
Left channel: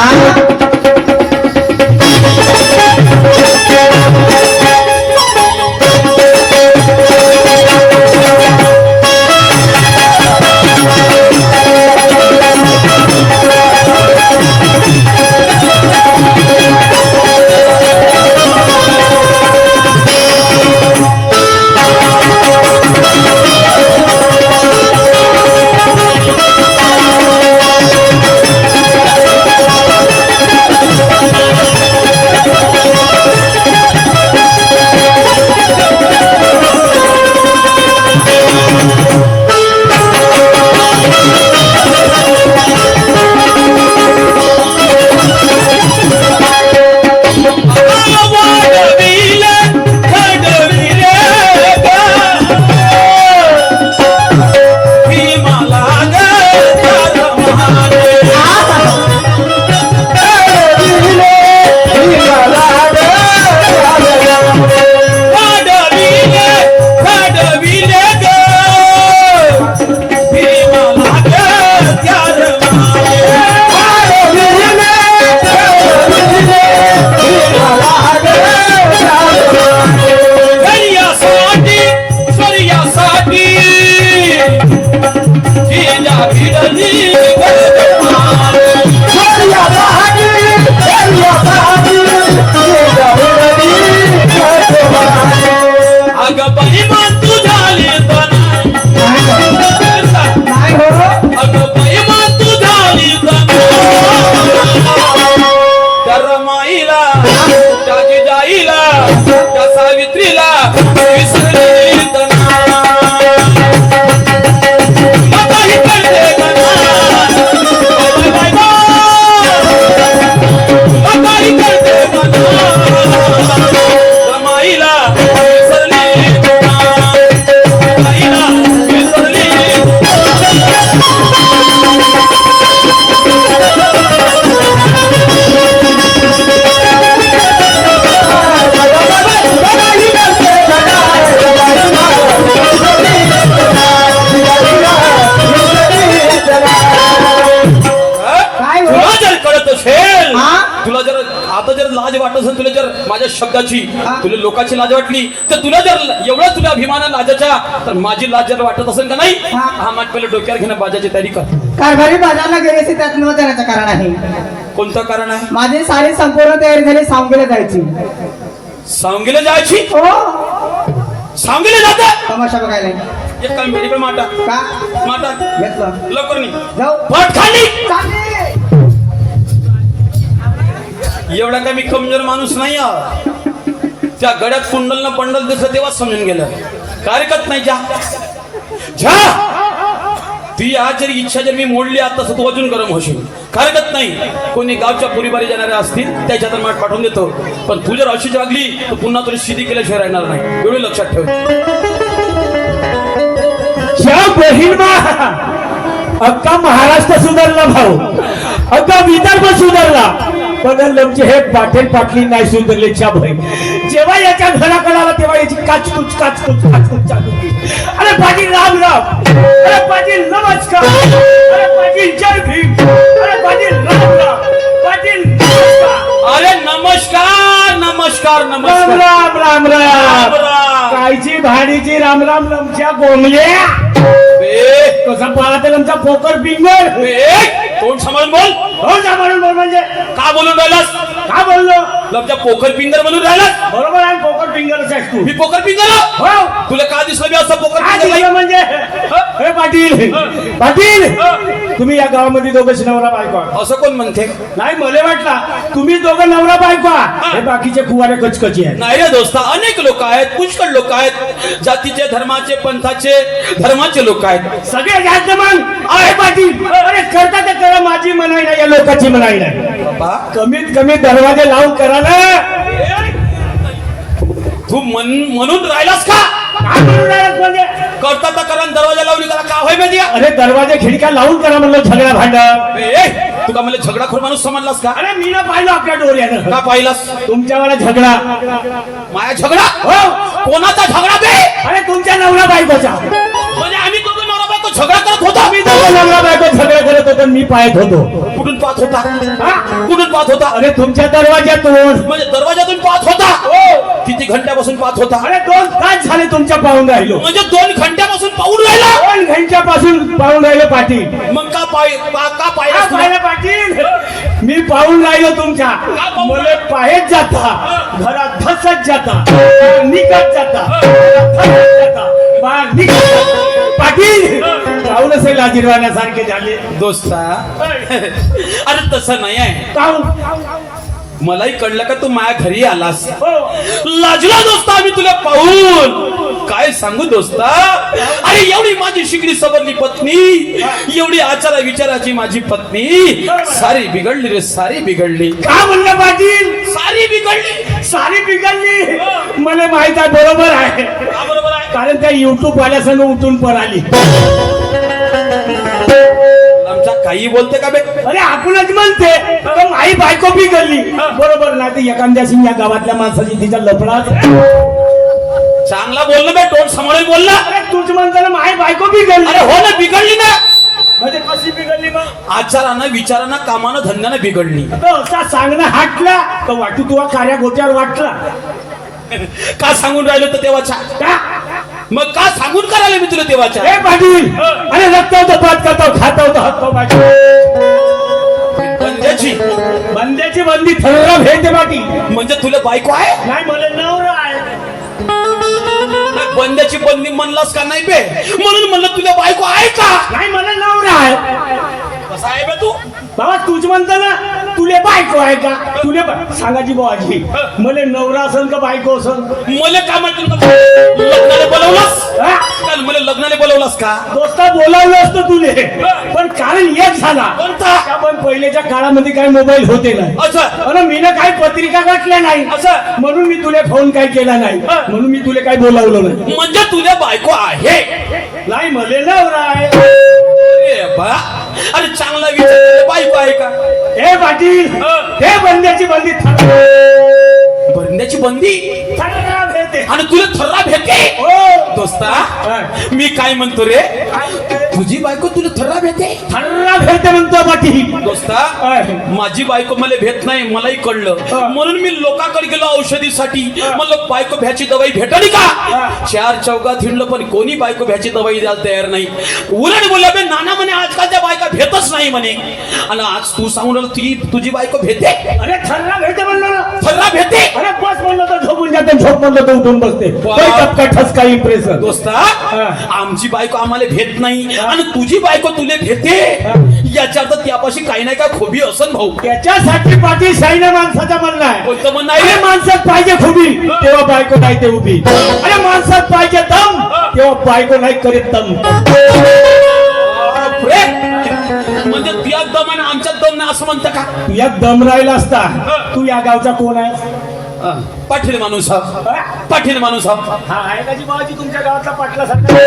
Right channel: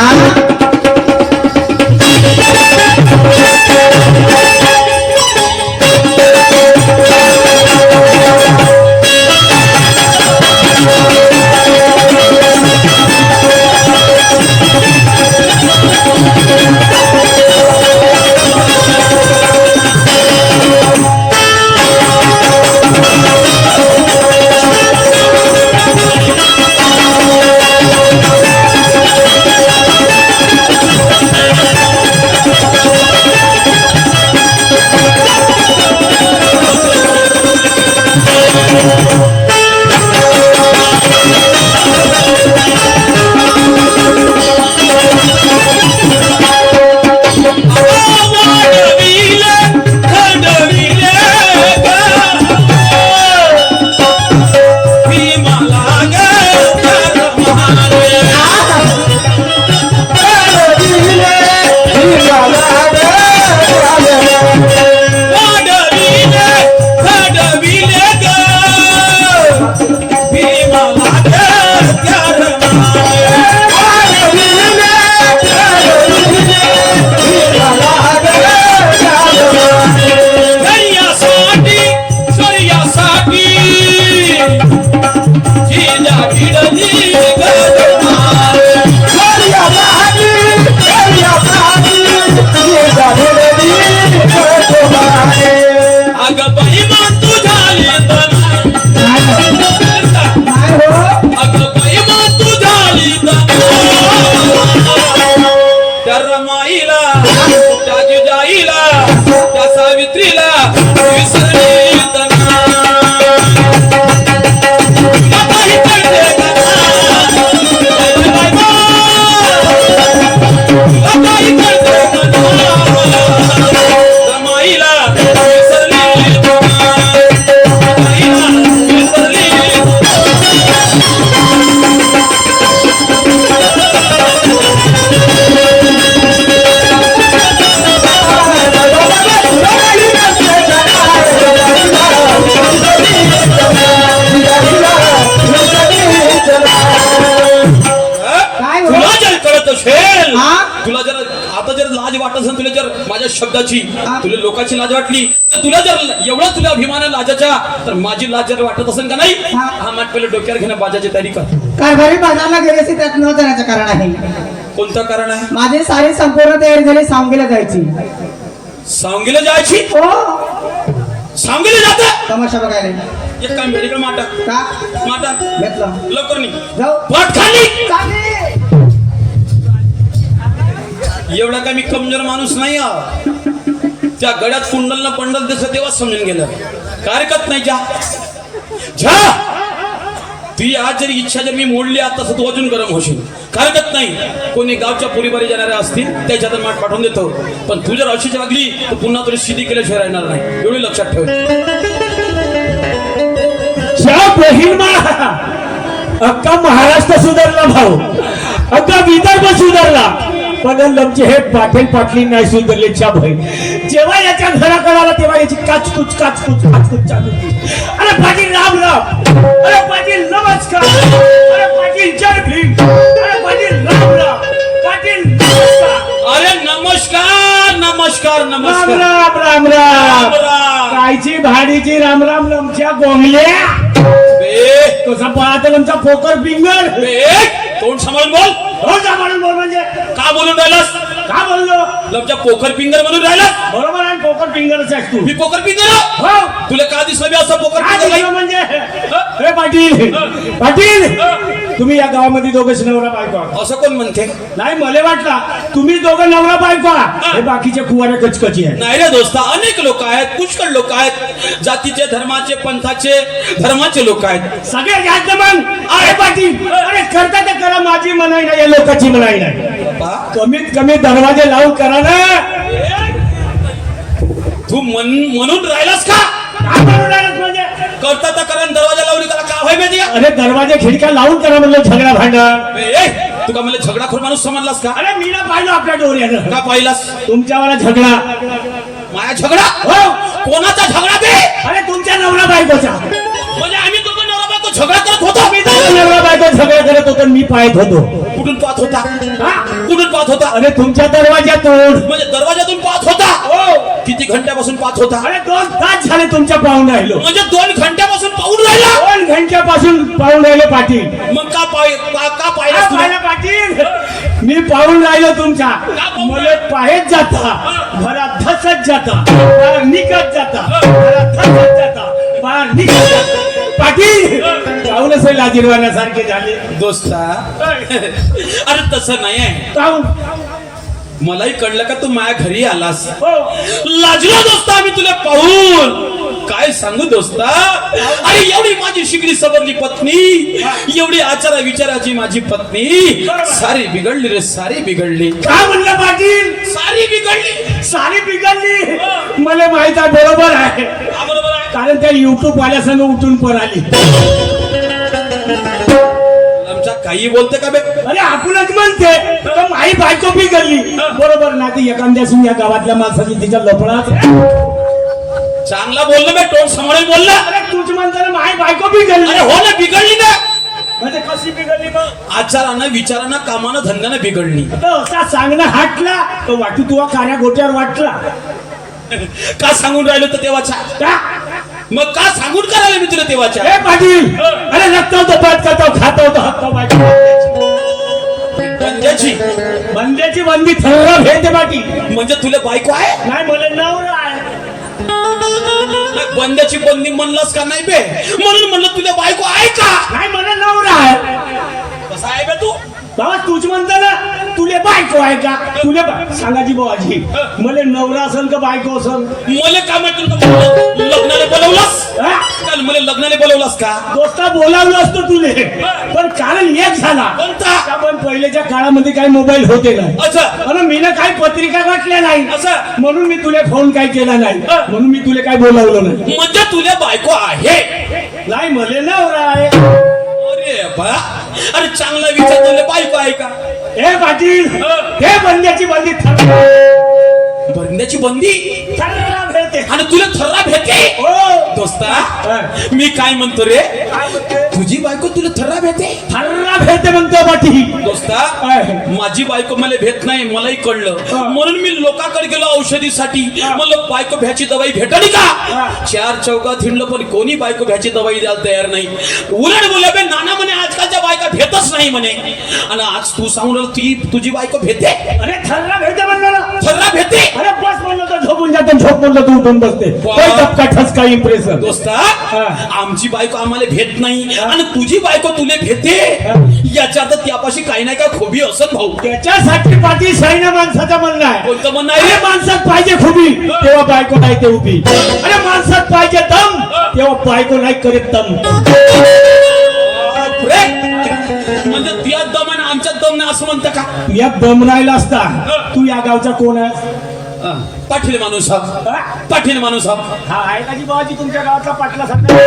शब्दाची तुला लोकांची लाज वाटली तर तुला जर एवढा तुला अभिमान लाजाचा तर माझी लाज जर वाटत असेल का नाही हा मग पहिले डोक्यावर घेणं बाजाची तयारी कर. कारभारी बाजारला गेले त्यात न जाण्याचं कारण आहे. कोणतं कारण आहे? माझी सारी संपूर्ण तयारी झाली सांगलीला जायची. सांगलीला जायची? हो सांगलीला जाता तमाशा बघायला. एक काम मेडिकल माटा का माटा घेतलं लवकर नाही जाऊ पट खाली एवढा का मी कमजोर माणूस नाही आहे. त्या गड्यात कुंडल न पंडल दिसलं तेव्हा समजून गेलं. काय हरकत नाही, जा ती आज जरी इच्छा जर मी मोडली आता तू अजून गरम होशील. काय हरकत नाही, कोणी गावच्या पुरीबारी जाणाऱ्या असतील त्याच्यात माठ पाठवून देतो. पण तू जर अशीच वागली तर पुन्हा तुला शिदी केल्याशिवाय राहणार नाही. एवढं लक्षात ठेव. अख्खा महाराष्ट्र सुधारला भाऊ, अख्खा विदर्भ सुधारला, पण लमचे हे पाटील पाटली नाही सुधारले. च्या भाई जेव्हा याच्या घराकडे आला तेव्हा याची काचकुच काचकुच काचकुच चालू होती. अरे पाटील राम राम, अरे पाटील नमस्कार, अरे पाटील जय भीम, अरे पाटील राम राम, पाटील नमस्कार. अरे नमस्कार नमस्कार राम नमस्कार. राम राम राम. राम. कायची भाडीची राम राम लमच्या गोमल्या. बे कसं पाहता लमचा पोकर फिंगर. बे तोंड सांभाळून बोल. हो का म्हणून बोल म्हणजे का बोलून राहिलास? का बोललो लपच्या पोखर पिंगर म्हणून राहिलास. बरोबर आहे, पोकर फिंगरच आहेस तू. मी पोखर पिंगर आहे? हो तुला का दिसलं मी असं पोखर काय पिंगर दिसलं म्हणजे हे पाटील पाटील तुम्ही या गावामध्ये दोघंच नवरा बायको आहात. असं कोण म्हणते? नाही मला वाटला तुम्ही दोघं नवरा बायको आहात. हे बाकीचे कुवारे कचकची आहेत. नाही रे दोस्ता, अनेक लोक आहेत, पुष्कळ लोक आहेत, जातीचे धर्माचे पंथाचे धर्माचे लोक आहेत. सगळे घ्यायचं मग आहे पाटील. अरे करता तर करा, माझी मनाई नाही, या लोकांची मनाई नाही. बाबा कमीत कमी दरवाजे लावून करा ना. तू म्हणून राहिलास का? काय म्हणून राहिलास म्हणजे? करता तर करा, दरवाजा लावून करा, का होय माहिती आहे? अरे दरवाजे खिडक्या लावून करा म्हणलं, झगडा भांडण. तू का मला झगडाखोर माणूस समजलास का? अरे मी ना पाहिलं आपल्या डोऱ्यानं. का पाहिलास तुमच्यावाला झगडा. माया झगडा? हो कोणाचा झगडा बे? अरे तुमच्या नवरा बायकोचा. म्हणजे आम्ही दोघं नवरा बायको झगडा करत होतो. मी दोघं नवरा बायको झगडा करत होतो, मी पाहत होतो. कुठून पाहत होता? हा? कुठून पाहत होता? अरे तुमच्या दरवाज्यातून. म्हणजे दरवाजातून पाहत होता? हो. किती घंट्यापासून पाहत होता? अरे 2 तास झाले तुमच्या पाहून राहिलो. म्हणजे 2 घंट्यापासून पाहून राहिला. 2 घंट्यापासून पाहून राहिलो पाटील. मग का हा, पाहिलास तुला? पाहिलं पाटील, मी पाहून राहिलो तुमच्या. पाहून मुलं पाहेत जाता, घरात धसत जाता, बाहेर निघत जाता, धसत जाता, बाहेर निघत जाता. पाटील पाहूनच लाजीरवाण्यासारखे झाले. दोस्ता अरे तसं नाही आहे. पाहून मलाही कळलं का तू माझ्या घरी आलास. हो. लाजला दोस्ता आम्ही तुला पाहून. काय सांगू दोस्ता, अरे एवढी माझी शिकली सबरली पत्नी, एवढी आचारा विचाराची माझी पत्नी सारी बिघडली रे, सारी बिघडली. का म्हणलं पाटील? सारी बिघडली. सारी बिघडली. मला माहित आहे, बरोबर आहे, का बरोबर आहे? कारण त्या युट्यूब वाल्यासंग उठून पळाली. आमच्या काही बोलते का बे? अरे आपणच म्हणते तर माई बायको बिघडली. बरोबर नाही तर एखाद्याशी या गावातल्या माणसाची तिचा लफडाच. चांगला बोललं बे, तोंड सांभाळून बोलला. अरे तुझ म्हणताना माई बायको बिघडली. अरे हो ना, बिघडली ना. म्हणजे कशी बिघडली मग? आचारानं विचारानं कामानं धंद्यानं बिघडली. आता असा सांगणं हाटला तर वाटू तुला कार्या गोट्यावर वाटला. का सांगून राहिलो तर तेव्हाच्या? का? मग का सांगून करायला मी तुला तेव्हाच्या? हे पाटील, अरे रक्ता होतो, पात करतो, खाता होतो, हक्क बायको. पंजाची बंद्याची बंदी थर्रा भेटते पाटील. म्हणजे तुला बायको आहे? नाही मला नवरा आहे. बंद्याची बंदी म्हणलास का नाही बे? म्हणून म्हणलं तुला बायको आहे का? नाही मला नवरा आहे. कसा आहे बे तू? बाबा तूच म्हणता ना तुले बायको आहे का? तुले सांगाजी बाबाजी, मला नवरा असन का बायको असन? मला काय म्हणतील का? लग्नाला बोलवलास? हा? काल मला लग्नाला बोलवलास का? दोस्ता बोलावलं असतं तुले, पण कारण एक झाला. कोणता? पण पहिल्याच्या काळामध्ये काही मोबाईल होते ना, अच्छा आणि मीनं काही पत्रिका वाटल्या नाही, असं म्हणून मी तुला फोन काय केला नाही, म्हणून मी तुला काय बोलावलं नाही. म्हणजे तुला बायको आहे? नाही मला नवरा आहे. अरे बा, अरे चांगला विचार, तुला बायको आहे का? हे पाटील, हे बंद्याची बंदी बंद्याची बंदी थर्रा भेटते. आणि तुला थर्रा भेटे? हो दोस्ता मी काय म्हणतो रे, तुझी बायको तुला थर्रा भेटे? थर्रा भेटते म्हणतो पाटील. दोस्ता माझी बायको मला भेट नाही, मलाही कळलं, म्हणून मी लोकांकडे गेलो औषधीसाठी. म्हणलं बायको भ्याची दवाई भेटली का? 4 चौकात हिंडलं पण कोणी बायको भ्याची दवाई द्यायला तयार नाही. उलट बोलला बे नाना म्हणे आजकालच्या बायका भेटच नाही म्हणे, आणि आज तू सांगून तुझी बायको भेटे? अरे थर्रा भेटते म्हणलं ना. थर्रा भेटे? अरे बस म्हणलं तर झोपून जाते, झोप म्हणलं तर उठून बसते. काही टपका ठसका इम्प्रेशन. दोस्ता आमची बायको आम्हाला भेट नाही, आणि तुझी बायको तुले भेटे याच्या अर्थ त्यापाशी काही नाही का खोबी असन भाऊ. त्याच्यासाठी पाटील शाहीनं माणसाचं म्हणणं आहे. कोणतं म्हणणं अरे आहे? माणसात पाहिजे खुबी तेव्हा बायको नाही ते उभी. अरे माणसात पाहिजे दम तेव्हा बायको नाही करीत दम. म्हणजे तुझ्या दम आणि आमच्यात दम नाही असं म्हणतं का? तू या दम राहिला असता तू या गावचा कोण आहे? पाटील माणूस हा. पाटील माणूस हा. हा आहे का जी बाबाजी तुमच्या गावातला पाटला सारखा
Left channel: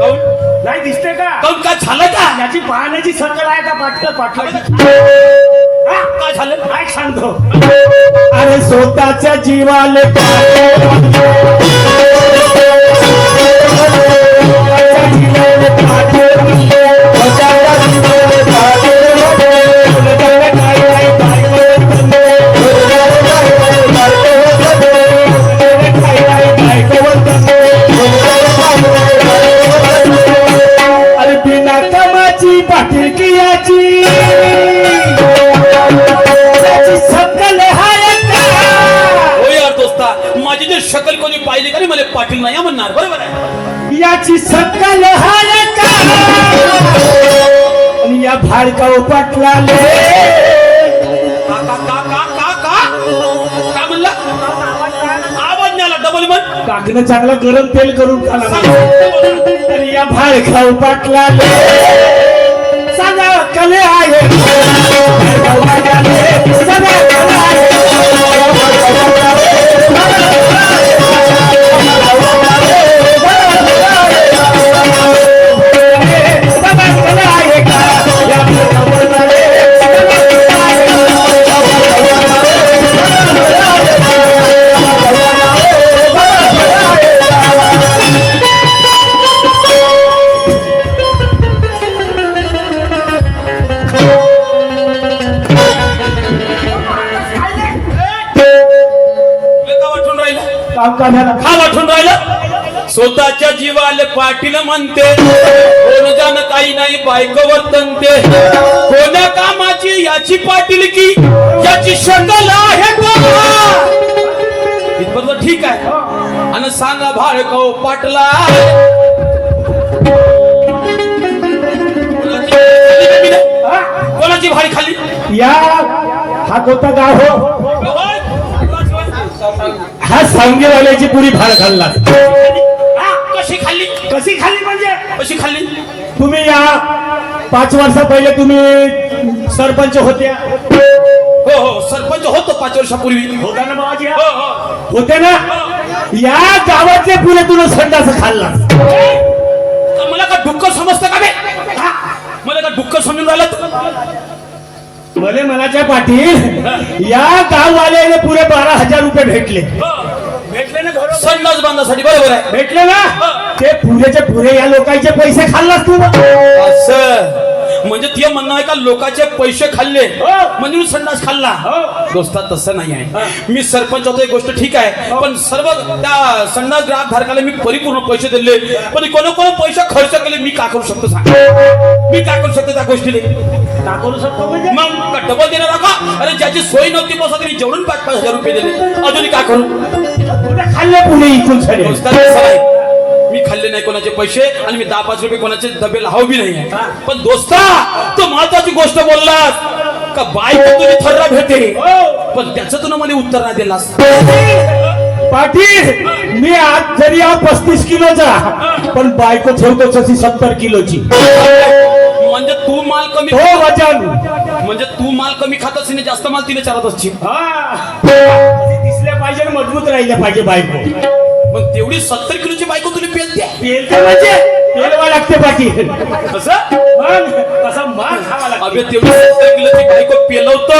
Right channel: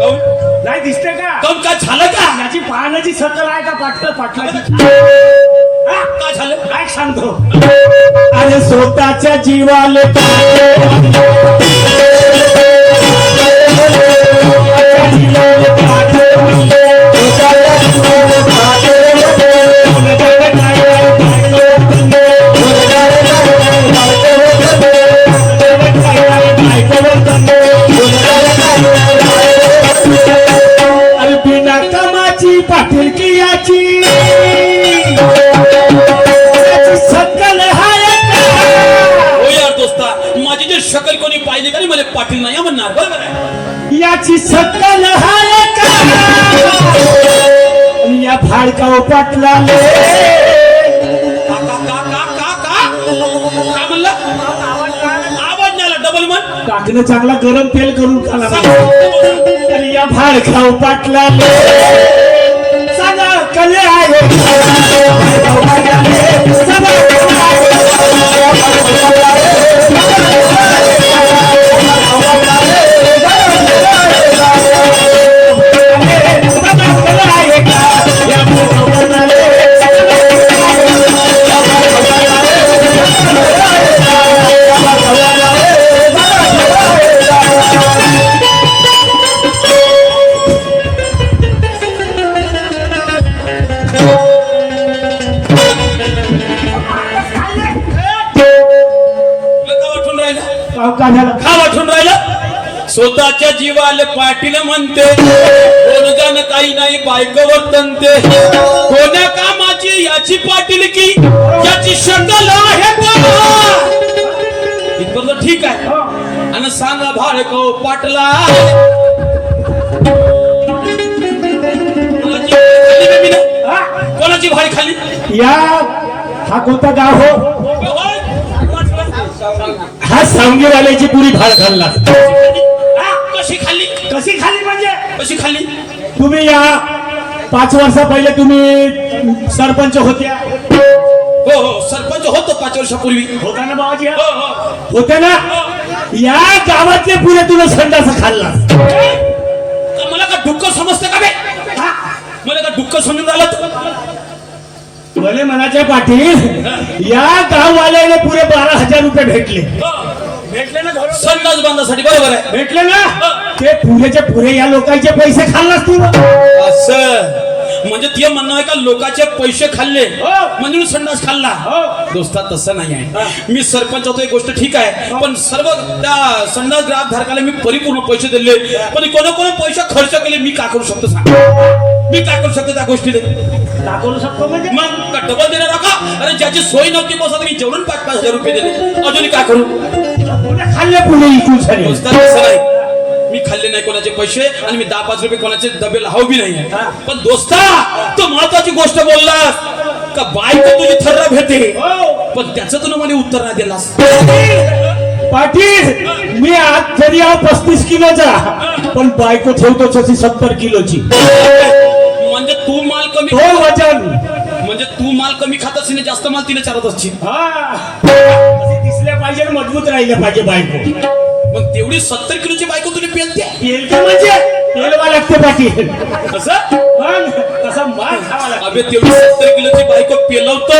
काऊन नाही दिसते का? काऊन काय झालं का? याची पाहण्याची शकल आहे का पाटलाची? काय झालं? काय सांगतो अरे स्वतःच्या जीवाले अरे बिना कामाची पाटीलकी याची सकल हाय का? हो यार दोस्ता, माझी जर शकल कोणी पाहिली का नाही मला पाटील नाही म्हणणार. बरोबर आहे. याची सकल हाय का? आणि या भाडकाव पाटलाले का का का का का का काय म्हणलं? आवाज नाही आला. डबल म्हण. टाकणं चांगला गरम तेल करून खाला. आणि या भाडकाव पाटलाले सांगा कले आहे सदा कले आहे. हा वाटून राहिला. स्वतःच्या जीवाले पाटील म्हणते, कोण जाण काही नाही बायको वर्तनते. कोण्या कामाची याची पाटील की याची शकल आहे का? इथपर्यंत ठीक आहे. आणि सांगा भाडको पाटला कोणाची भाडी खाली? या हा कोणता गाव हो? हा सांगेवाल्याची पुरी भाड खाल्ला. कशी खाल्ली? कशी खाल्ली म्हणजे? कशी खाल्ली? तुम्ही या 5 वर्षा पहिले तुम्ही सरपंच होत्या. हो हो सरपंच होतो 5 वर्षापूर्वी. होता ना बाबाजी? हो हो. होते ना. या गावातले पुरे तुला संडास खाल्ला. मला का डुक्कर समजतं का बे? मला का डुक्कर समजून राहिलं? भले मनाच्या पाटील या गाववाल्याने पुरे 12,000 रुपये भेटले. भेटले ना घरोघरी? संडास बांधासाठी. बरोबर आहे. भेटले ना. ते पुरेचे पुरे या लोकांचे पैसे खाल्लास तू. असं म्हणजे ते म्हणणं आहे का लोकांचे पैसे खाल्ले हो. म्हणजे मी संडास खाल्ला? हो. दोस्ता तसं नाही आहे. मी सरपंच होतो एक गोष्ट ठीक आहे, पण सर्व त्या संडास ग्राहक धारकाला मी परिपूर्ण पैसे दिले. पण कोणा पैसे खर्च केले मी काय करू शकतो सांग? मी काय करू शकतो त्या गोष्टीला? का करू शकतो म्हणजे? मग डबल देणार का? अरे ज्याची सोय नव्हती बस मी जेवढून 5,000 रुपये दिले. अजून काय करू? पुरे खाल्ले पुरे इकून सगळे. दोस्ता तसं नाही. मी खाल्ले नाही कोणाचे पैसे आणि मी 10-5 रुपये कोणाचे डबे लावू बी नाही. पण दोस्ता तो महत्वाची गोष्ट बोललास का बायको तुझी थर्रा भेटे, पण त्याचं तुला मला उत्तर नाही दिलास. पाटील मी आज जरी आहो 35 किलोचा पण बायको ठेवतो तशी 70 किलोची. म्हणजे तू माल कमी हो वजन. म्हणजे तू माल कमी खात असशील आणि जास्त माल तिने चालत असशील. दिसल्या पाहिजे आणि मजबूत राहिले पाहिजे बायको. मग तेवढी 70 किलोची बायको तुला पेलते? पेलते म्हणजे पेलवा लागते पाटील. असं मग तसा माल खावा लागतो. अबे तेवढी 70 किलोची बायको पेलवतो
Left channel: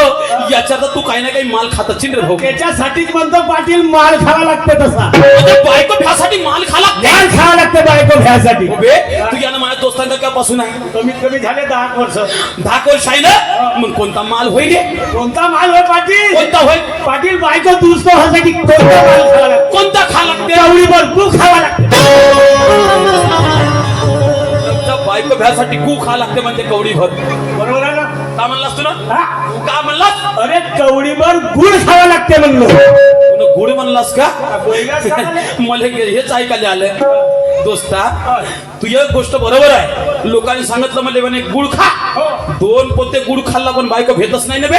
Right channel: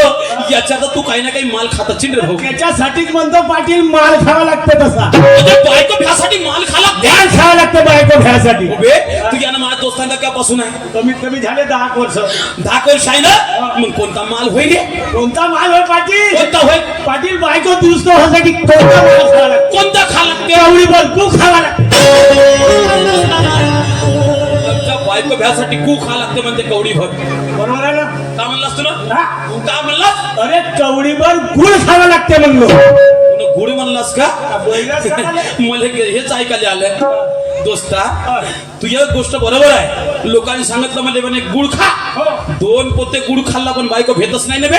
याच्यात तू काही ना काही माल खात असशील रे भाऊ. त्याच्यासाठीच म्हणतो पाटील माल खावा लागते तसा. म्हणजे बायको भ्यासाठी माल खाला माल खावा लागते बायको भ्यासाठी. बे तू यानं माझ्या दोस्तांना कापासून आहे कमीत कमी झाले 10 वर्ष. 10 वर्ष आहे ना. मग कोणता माल होईल रे? कोणता माल हो पाटील? कोणता होईल? पाटील बायको दुरुस्त होण्यासाठी कोणता माल खावा लागतो? कोणता खा लागते? कवडीभर गु खावा लागते. तुमच्या बायको भ्यासाठी गु खा लागते म्हणते कवडीभर. बरोबर आहे ना? का म्हणलास तू ना? हा? तू का म्हणलास? अरे कवडीभर गुळ खावा लागते म्हणलो. तू गुड म्हणलास का? बोललास का? मला हेच ऐकायला आलं दोस्ता तुझी एक गोष्ट बरोबर आहे. लोकांनी सांगितलं मला म्हणे गुळ खा. 2 पोते गुळ खाल्ला पण बायको भेटच नाही ना बे.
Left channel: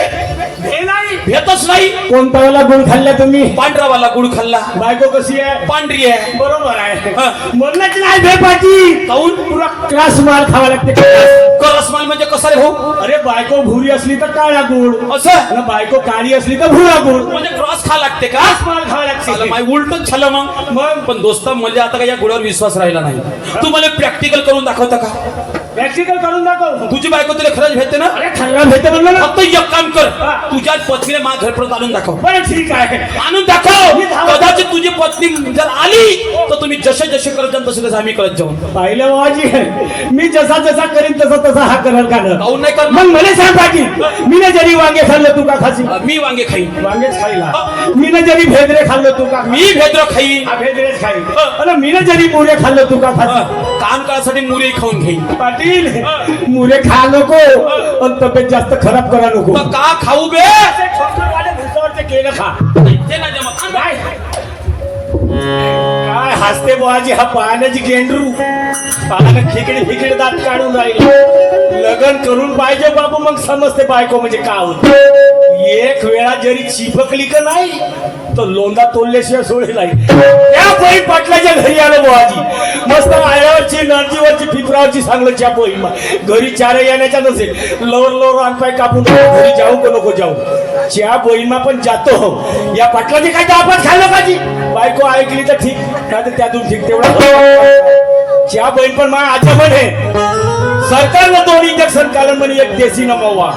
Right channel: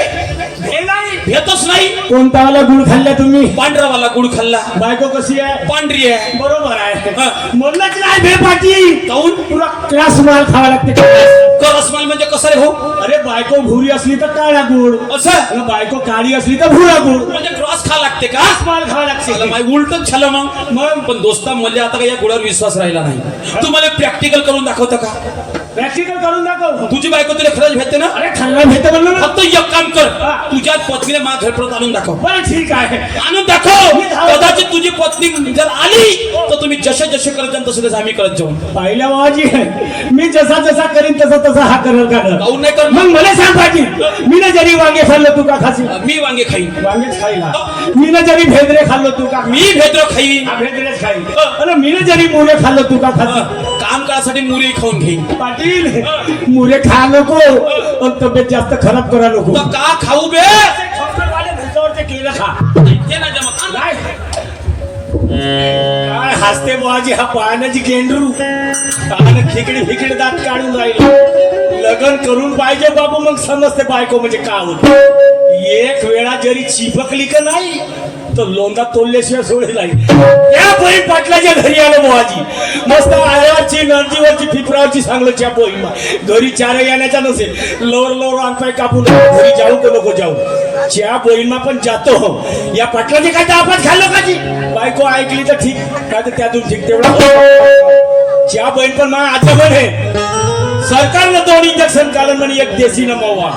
भेटच नाही. कोणता वाला गुळ खाल्ला तुम्ही? पांढरावाला गुळ खाल्ला. बायको कशी आहे? पांढरी आहे. बरोबर आहे. हा. म्हणलंच नाही भे पाटी. काऊन? पुरा क्लास माल खावा लागते. रसमाल म्हणजे कसा रे भाऊ? अरे बायको भुरी असली तर काळा गुळ, असं आणि बायको काळी असली तर भुरा गुळ. म्हणजे क्रॉस खा लागते का? माल खावा लागते. माय उलटच झालं मग. पण दोस्ता म्हणजे आता काही या गुळावर विश्वास राहिला नाही. तू मला प्रॅक्टिकल करून दाखवता का? प्रॅक्टिकल करून दाखव. तुझी बायको तुला खरंच भेटते ना? अरे खरं भेटते म्हणलं ना. फक्त एक काम कर, तुझ्या पत्नीने माझ्या घरपर्यंत आणून दाखव. बरं ठीक आहे. आणून दाखव. कदाचित तुझी पत्नी जर आली तर तुम्ही जसे जसे करत जाल तसे तसे आम्ही करत जाऊ. पाहिलं बाबाजी, मी जसा जसा करीन तसा तसा हा करल का? काऊन नाही कर? मग मला सांग पाटील, मी ना जरी वांगे खाल्लं तू का खाशी? मी वांगे खाईन. वांगेच खाईला. मी ना जरी भेदरे खाल्लं तू का? मी भेद्र खाईन. हा भेदरेच खाईल. अरे मी ना जरी मुरे खाल्लं तू का खाशी? काम करायसाठी मुरी खाऊन घेईन. पाटील मुरे खा नको पण तब्येत जास्त खराब करा नको. मग का खाऊ बे? केलं खा. ते नाही जमत. काय काय हसते बुवाजी, हा पाण्याची गेंडरू पाण्यात फिकडे फिकडे दात काढून राहिले. लग्न करून पाहिजे बाबू, मग समजते बायको म्हणजे काय होत. एक वेळा जरी चिपकली का नाही तर लोंदा तोडल्याशिवाय सोडेल नाही. त्या बहीण पाटलाच्या घरी आलं बुवाजी, मस्त आयावरची नंदीवरची फिपरावरची सांगलं च्या बहीण घरी चार येण्याचा नसेल. लवर लवर अंगपाय कापून घरी जाऊ का नको जाऊ. च्या बहीण पण जातो. या पाटलाचे काय तर आपण खाल्लं पाहिजे. बायको ऐकली तर ठीक, काय तर त्यातून ठीक तेवढा. च्या बहीण पण मग आता म्हणे सरकारनं 2 इंजेक्शन काढलं म्हणे, एक देशी नमवा.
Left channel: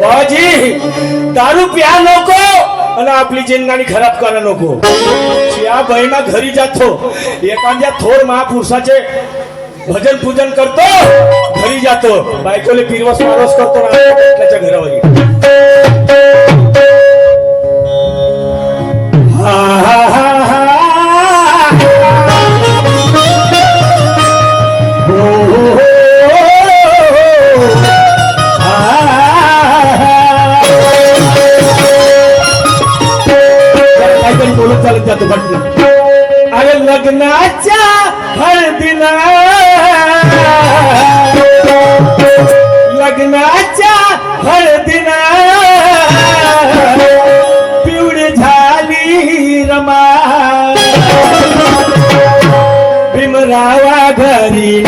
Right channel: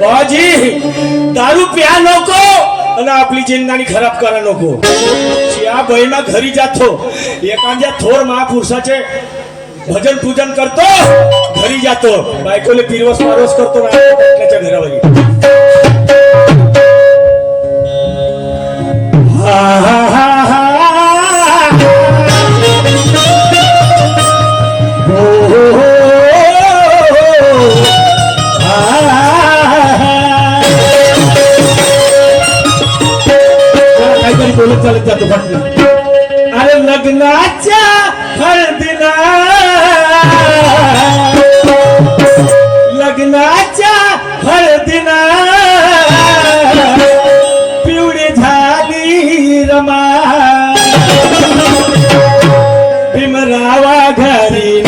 बाजी दारू प्या नको आणि आपली जिंदगी खराब करा नको. च्या बहिणा घरी जातो, एखाद्या थोर महापुरुषाचे भजन पूजन करतो, घरी जातो, बायकोले पिरवस मारवस करतो आपल्याच्या घरावर. काहीतरी बोलत चालत जातो फक्त. अरे लग्नाच्या हळदीला, लग्नाच्या हळदीला पिवळी झाली रमा, भीमरावा घरी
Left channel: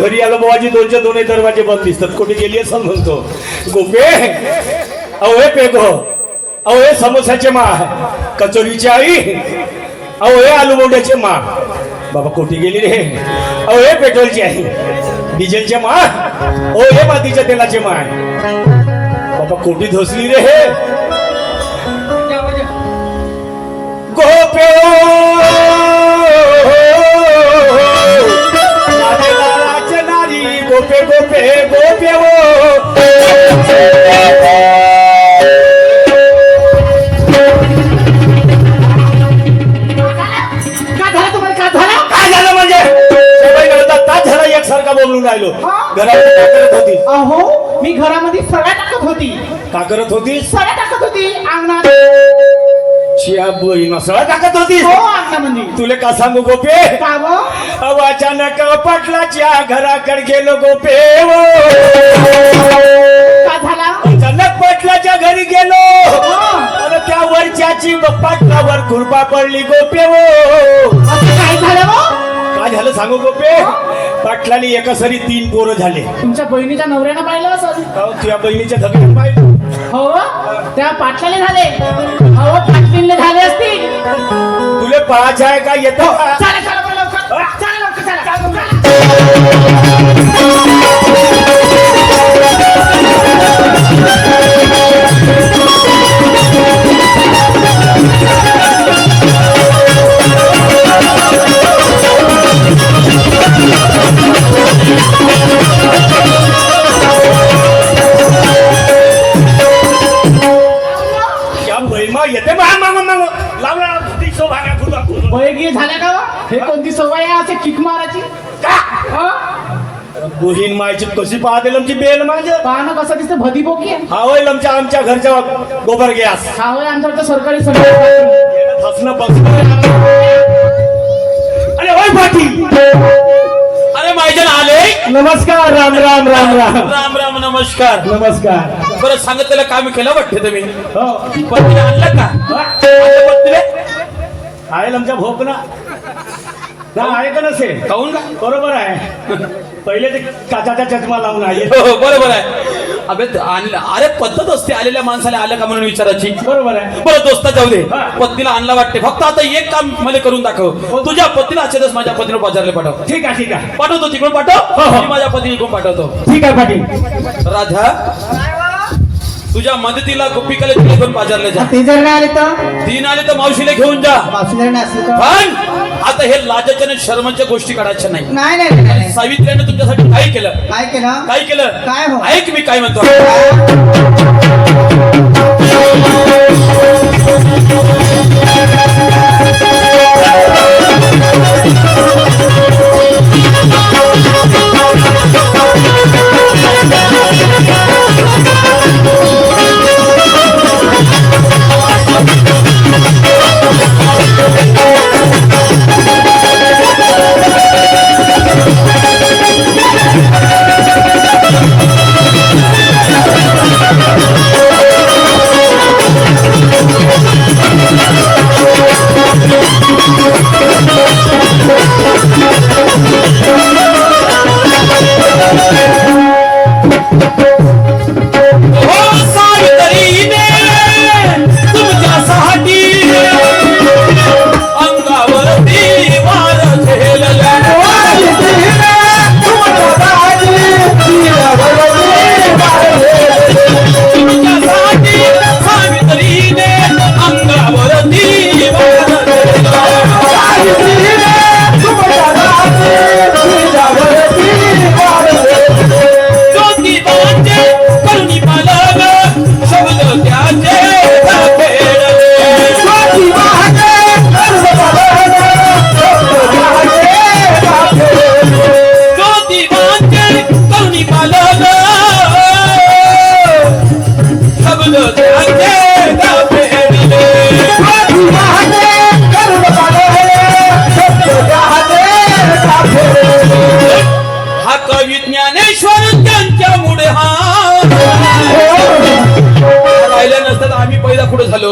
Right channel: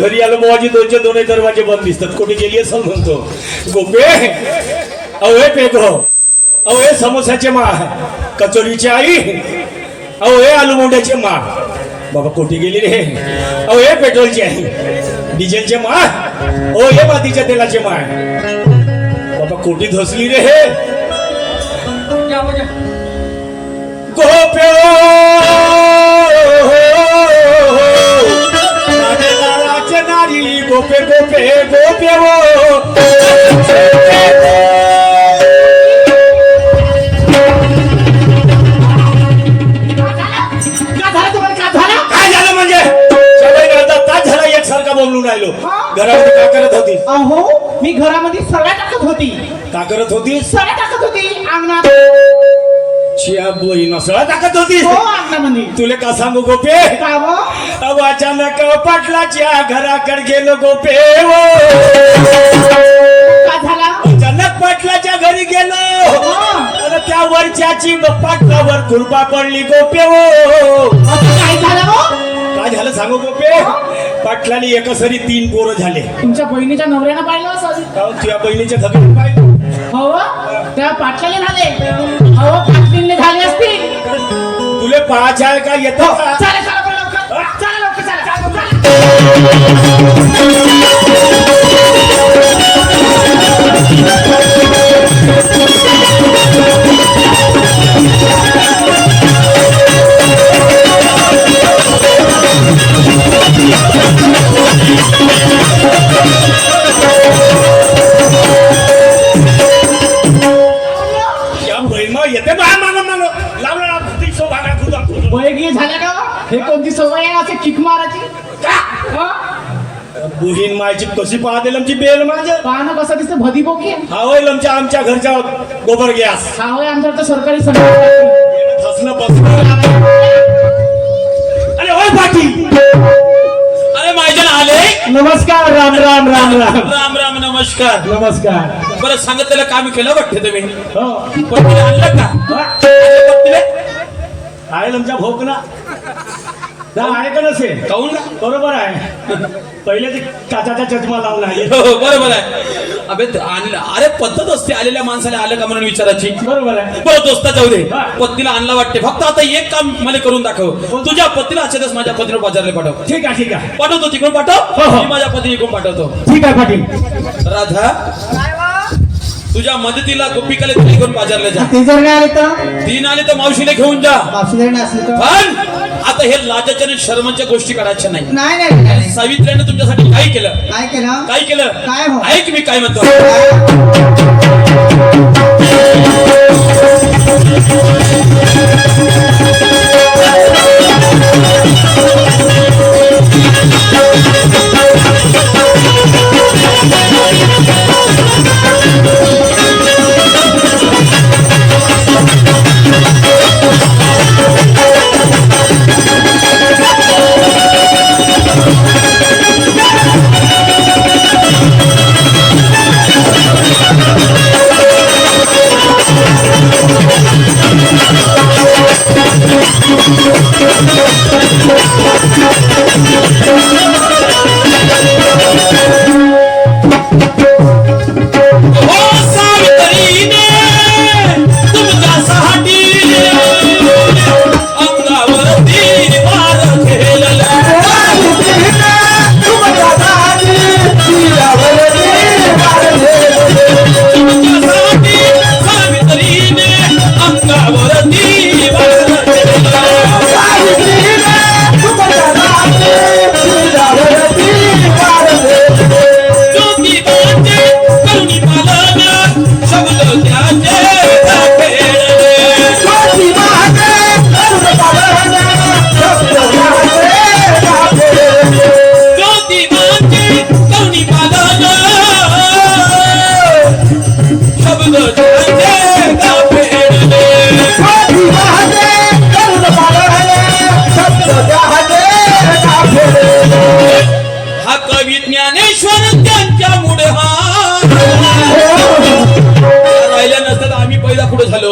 घरी आलो बाबाजी, 2चे दरवाजे बंद दिसतात. कुठे गेली असं म्हणतो. गोपे अहो हे पेगो, अहो हे समोसाचे मा, कचोरीची आई, अहो हे आलू मोंड्याचे मा. बाबा कुठे गेली रे? अहो हे पेट्रोलची आहे, डिझेलचे मा, ओ हे मातीच्या तेलाचे मा. बाबा कुठे धसली रे हे? गोपे गोपे गोपे गोपे वो काय झालं म्हणजे तास झाला एकसारखा बोलून राहिलो. घरामध्ये काय करत होती? अहो मी घरामध्ये सळ्या टाकत होती. का करत होती? सळ्या टाकत होती अंगणात. चिया बहीण सळा टाकत होती. हो अंगणामध्ये. तुले का सांगू गोपे? का व? अब अचानक पाटलाच्या घराकडे गेलो गोपे वो. का झाला? अचानक पाटलाच्या घरी गेलो आणि त्या वरच्या गोप्याची पाटलावर कृपा पडली गोप्य हो असं काय झालं हो? काय झालं सांगू गोपे पाटलाने एका सरी 3 पोरं झाले तुमच्या बहिणीच्या नवऱ्यानं पाहिलं असं तुझ्या बहिणीच्या धगीने पाहिलं हो त्या पाटलाने झाले हो पाटलीने झाले असतील तुले पाहायचं आहे का येतं का? चला चला बरं लवकर चला लवकर चला या बहिमा येते बा माग माग लावला वैगी झाल्या का हे कोणती सवय आहे असे किक मारायची का हो? बहीण मायची कशी पाहते लमची बेल माझं पाहणं कसं दिसतं भदी बोकी आहे. हा होय लमच्या आमच्या घरच्या गोबर गॅस हा होय आमच्याकडे सरकारी सभा फसलं बसलं अरे होय पाटील अरे मायजन आले नमस्कार राम राम राम राम राम राम नमस्कार नमस्कार बरं सांगितलेलं काम केलं वाटतं तुम्ही हो पत्नीला आणलं का आणलं पत्नीला? आहे लमच्या भोक ना आहे का नसेल काहून का बरोबर आहे पहिले ते काचाचा चष्मा लावून आहे हो बरोबर आहे अबे आणलं अरे पद्धत असते आलेल्या माणसाला आलं का म्हणून विचारायची बरोबर आहे बरं दोस्त जाऊ दे हा. पत्नीला आणला वाटते फक्त आता एक काम मला करून दाखव तुझ्या पत्नीला आजच्या दिवस माझ्या पत्नीला बाजारला पाठव ठीक आहे ठीक आहे पाठवतो तिकडून हो, पाठव हो. मी माझ्या पत्नी इकडून पाठवतो ठीक आहे पाटील राधा तुझ्या मदतीला गोपिकाला घेऊन बाजारला जा ते जर काय आले तर तीन आले तर मावशीला घेऊन जा मावशीला नसले तर पण आता हे लाजाच्या आणि शर्माच्या गोष्टी काढायच्या नाही नाही नाही नाही सावित्र्याने तुमच्यासाठी काय केलं काय केलं काय केलं काय हो? ऐक मी काय म्हणतो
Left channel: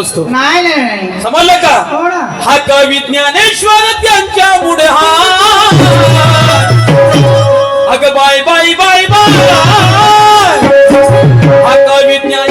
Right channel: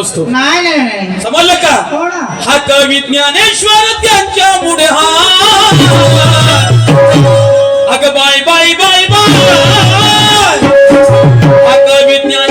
असतो नाही नाही नाही समजलं का हो ना. हा कवी ज्ञानेश्वर त्यांच्या पुढे हा अग बाय बाय बाय बाय हा कवी ज्ञान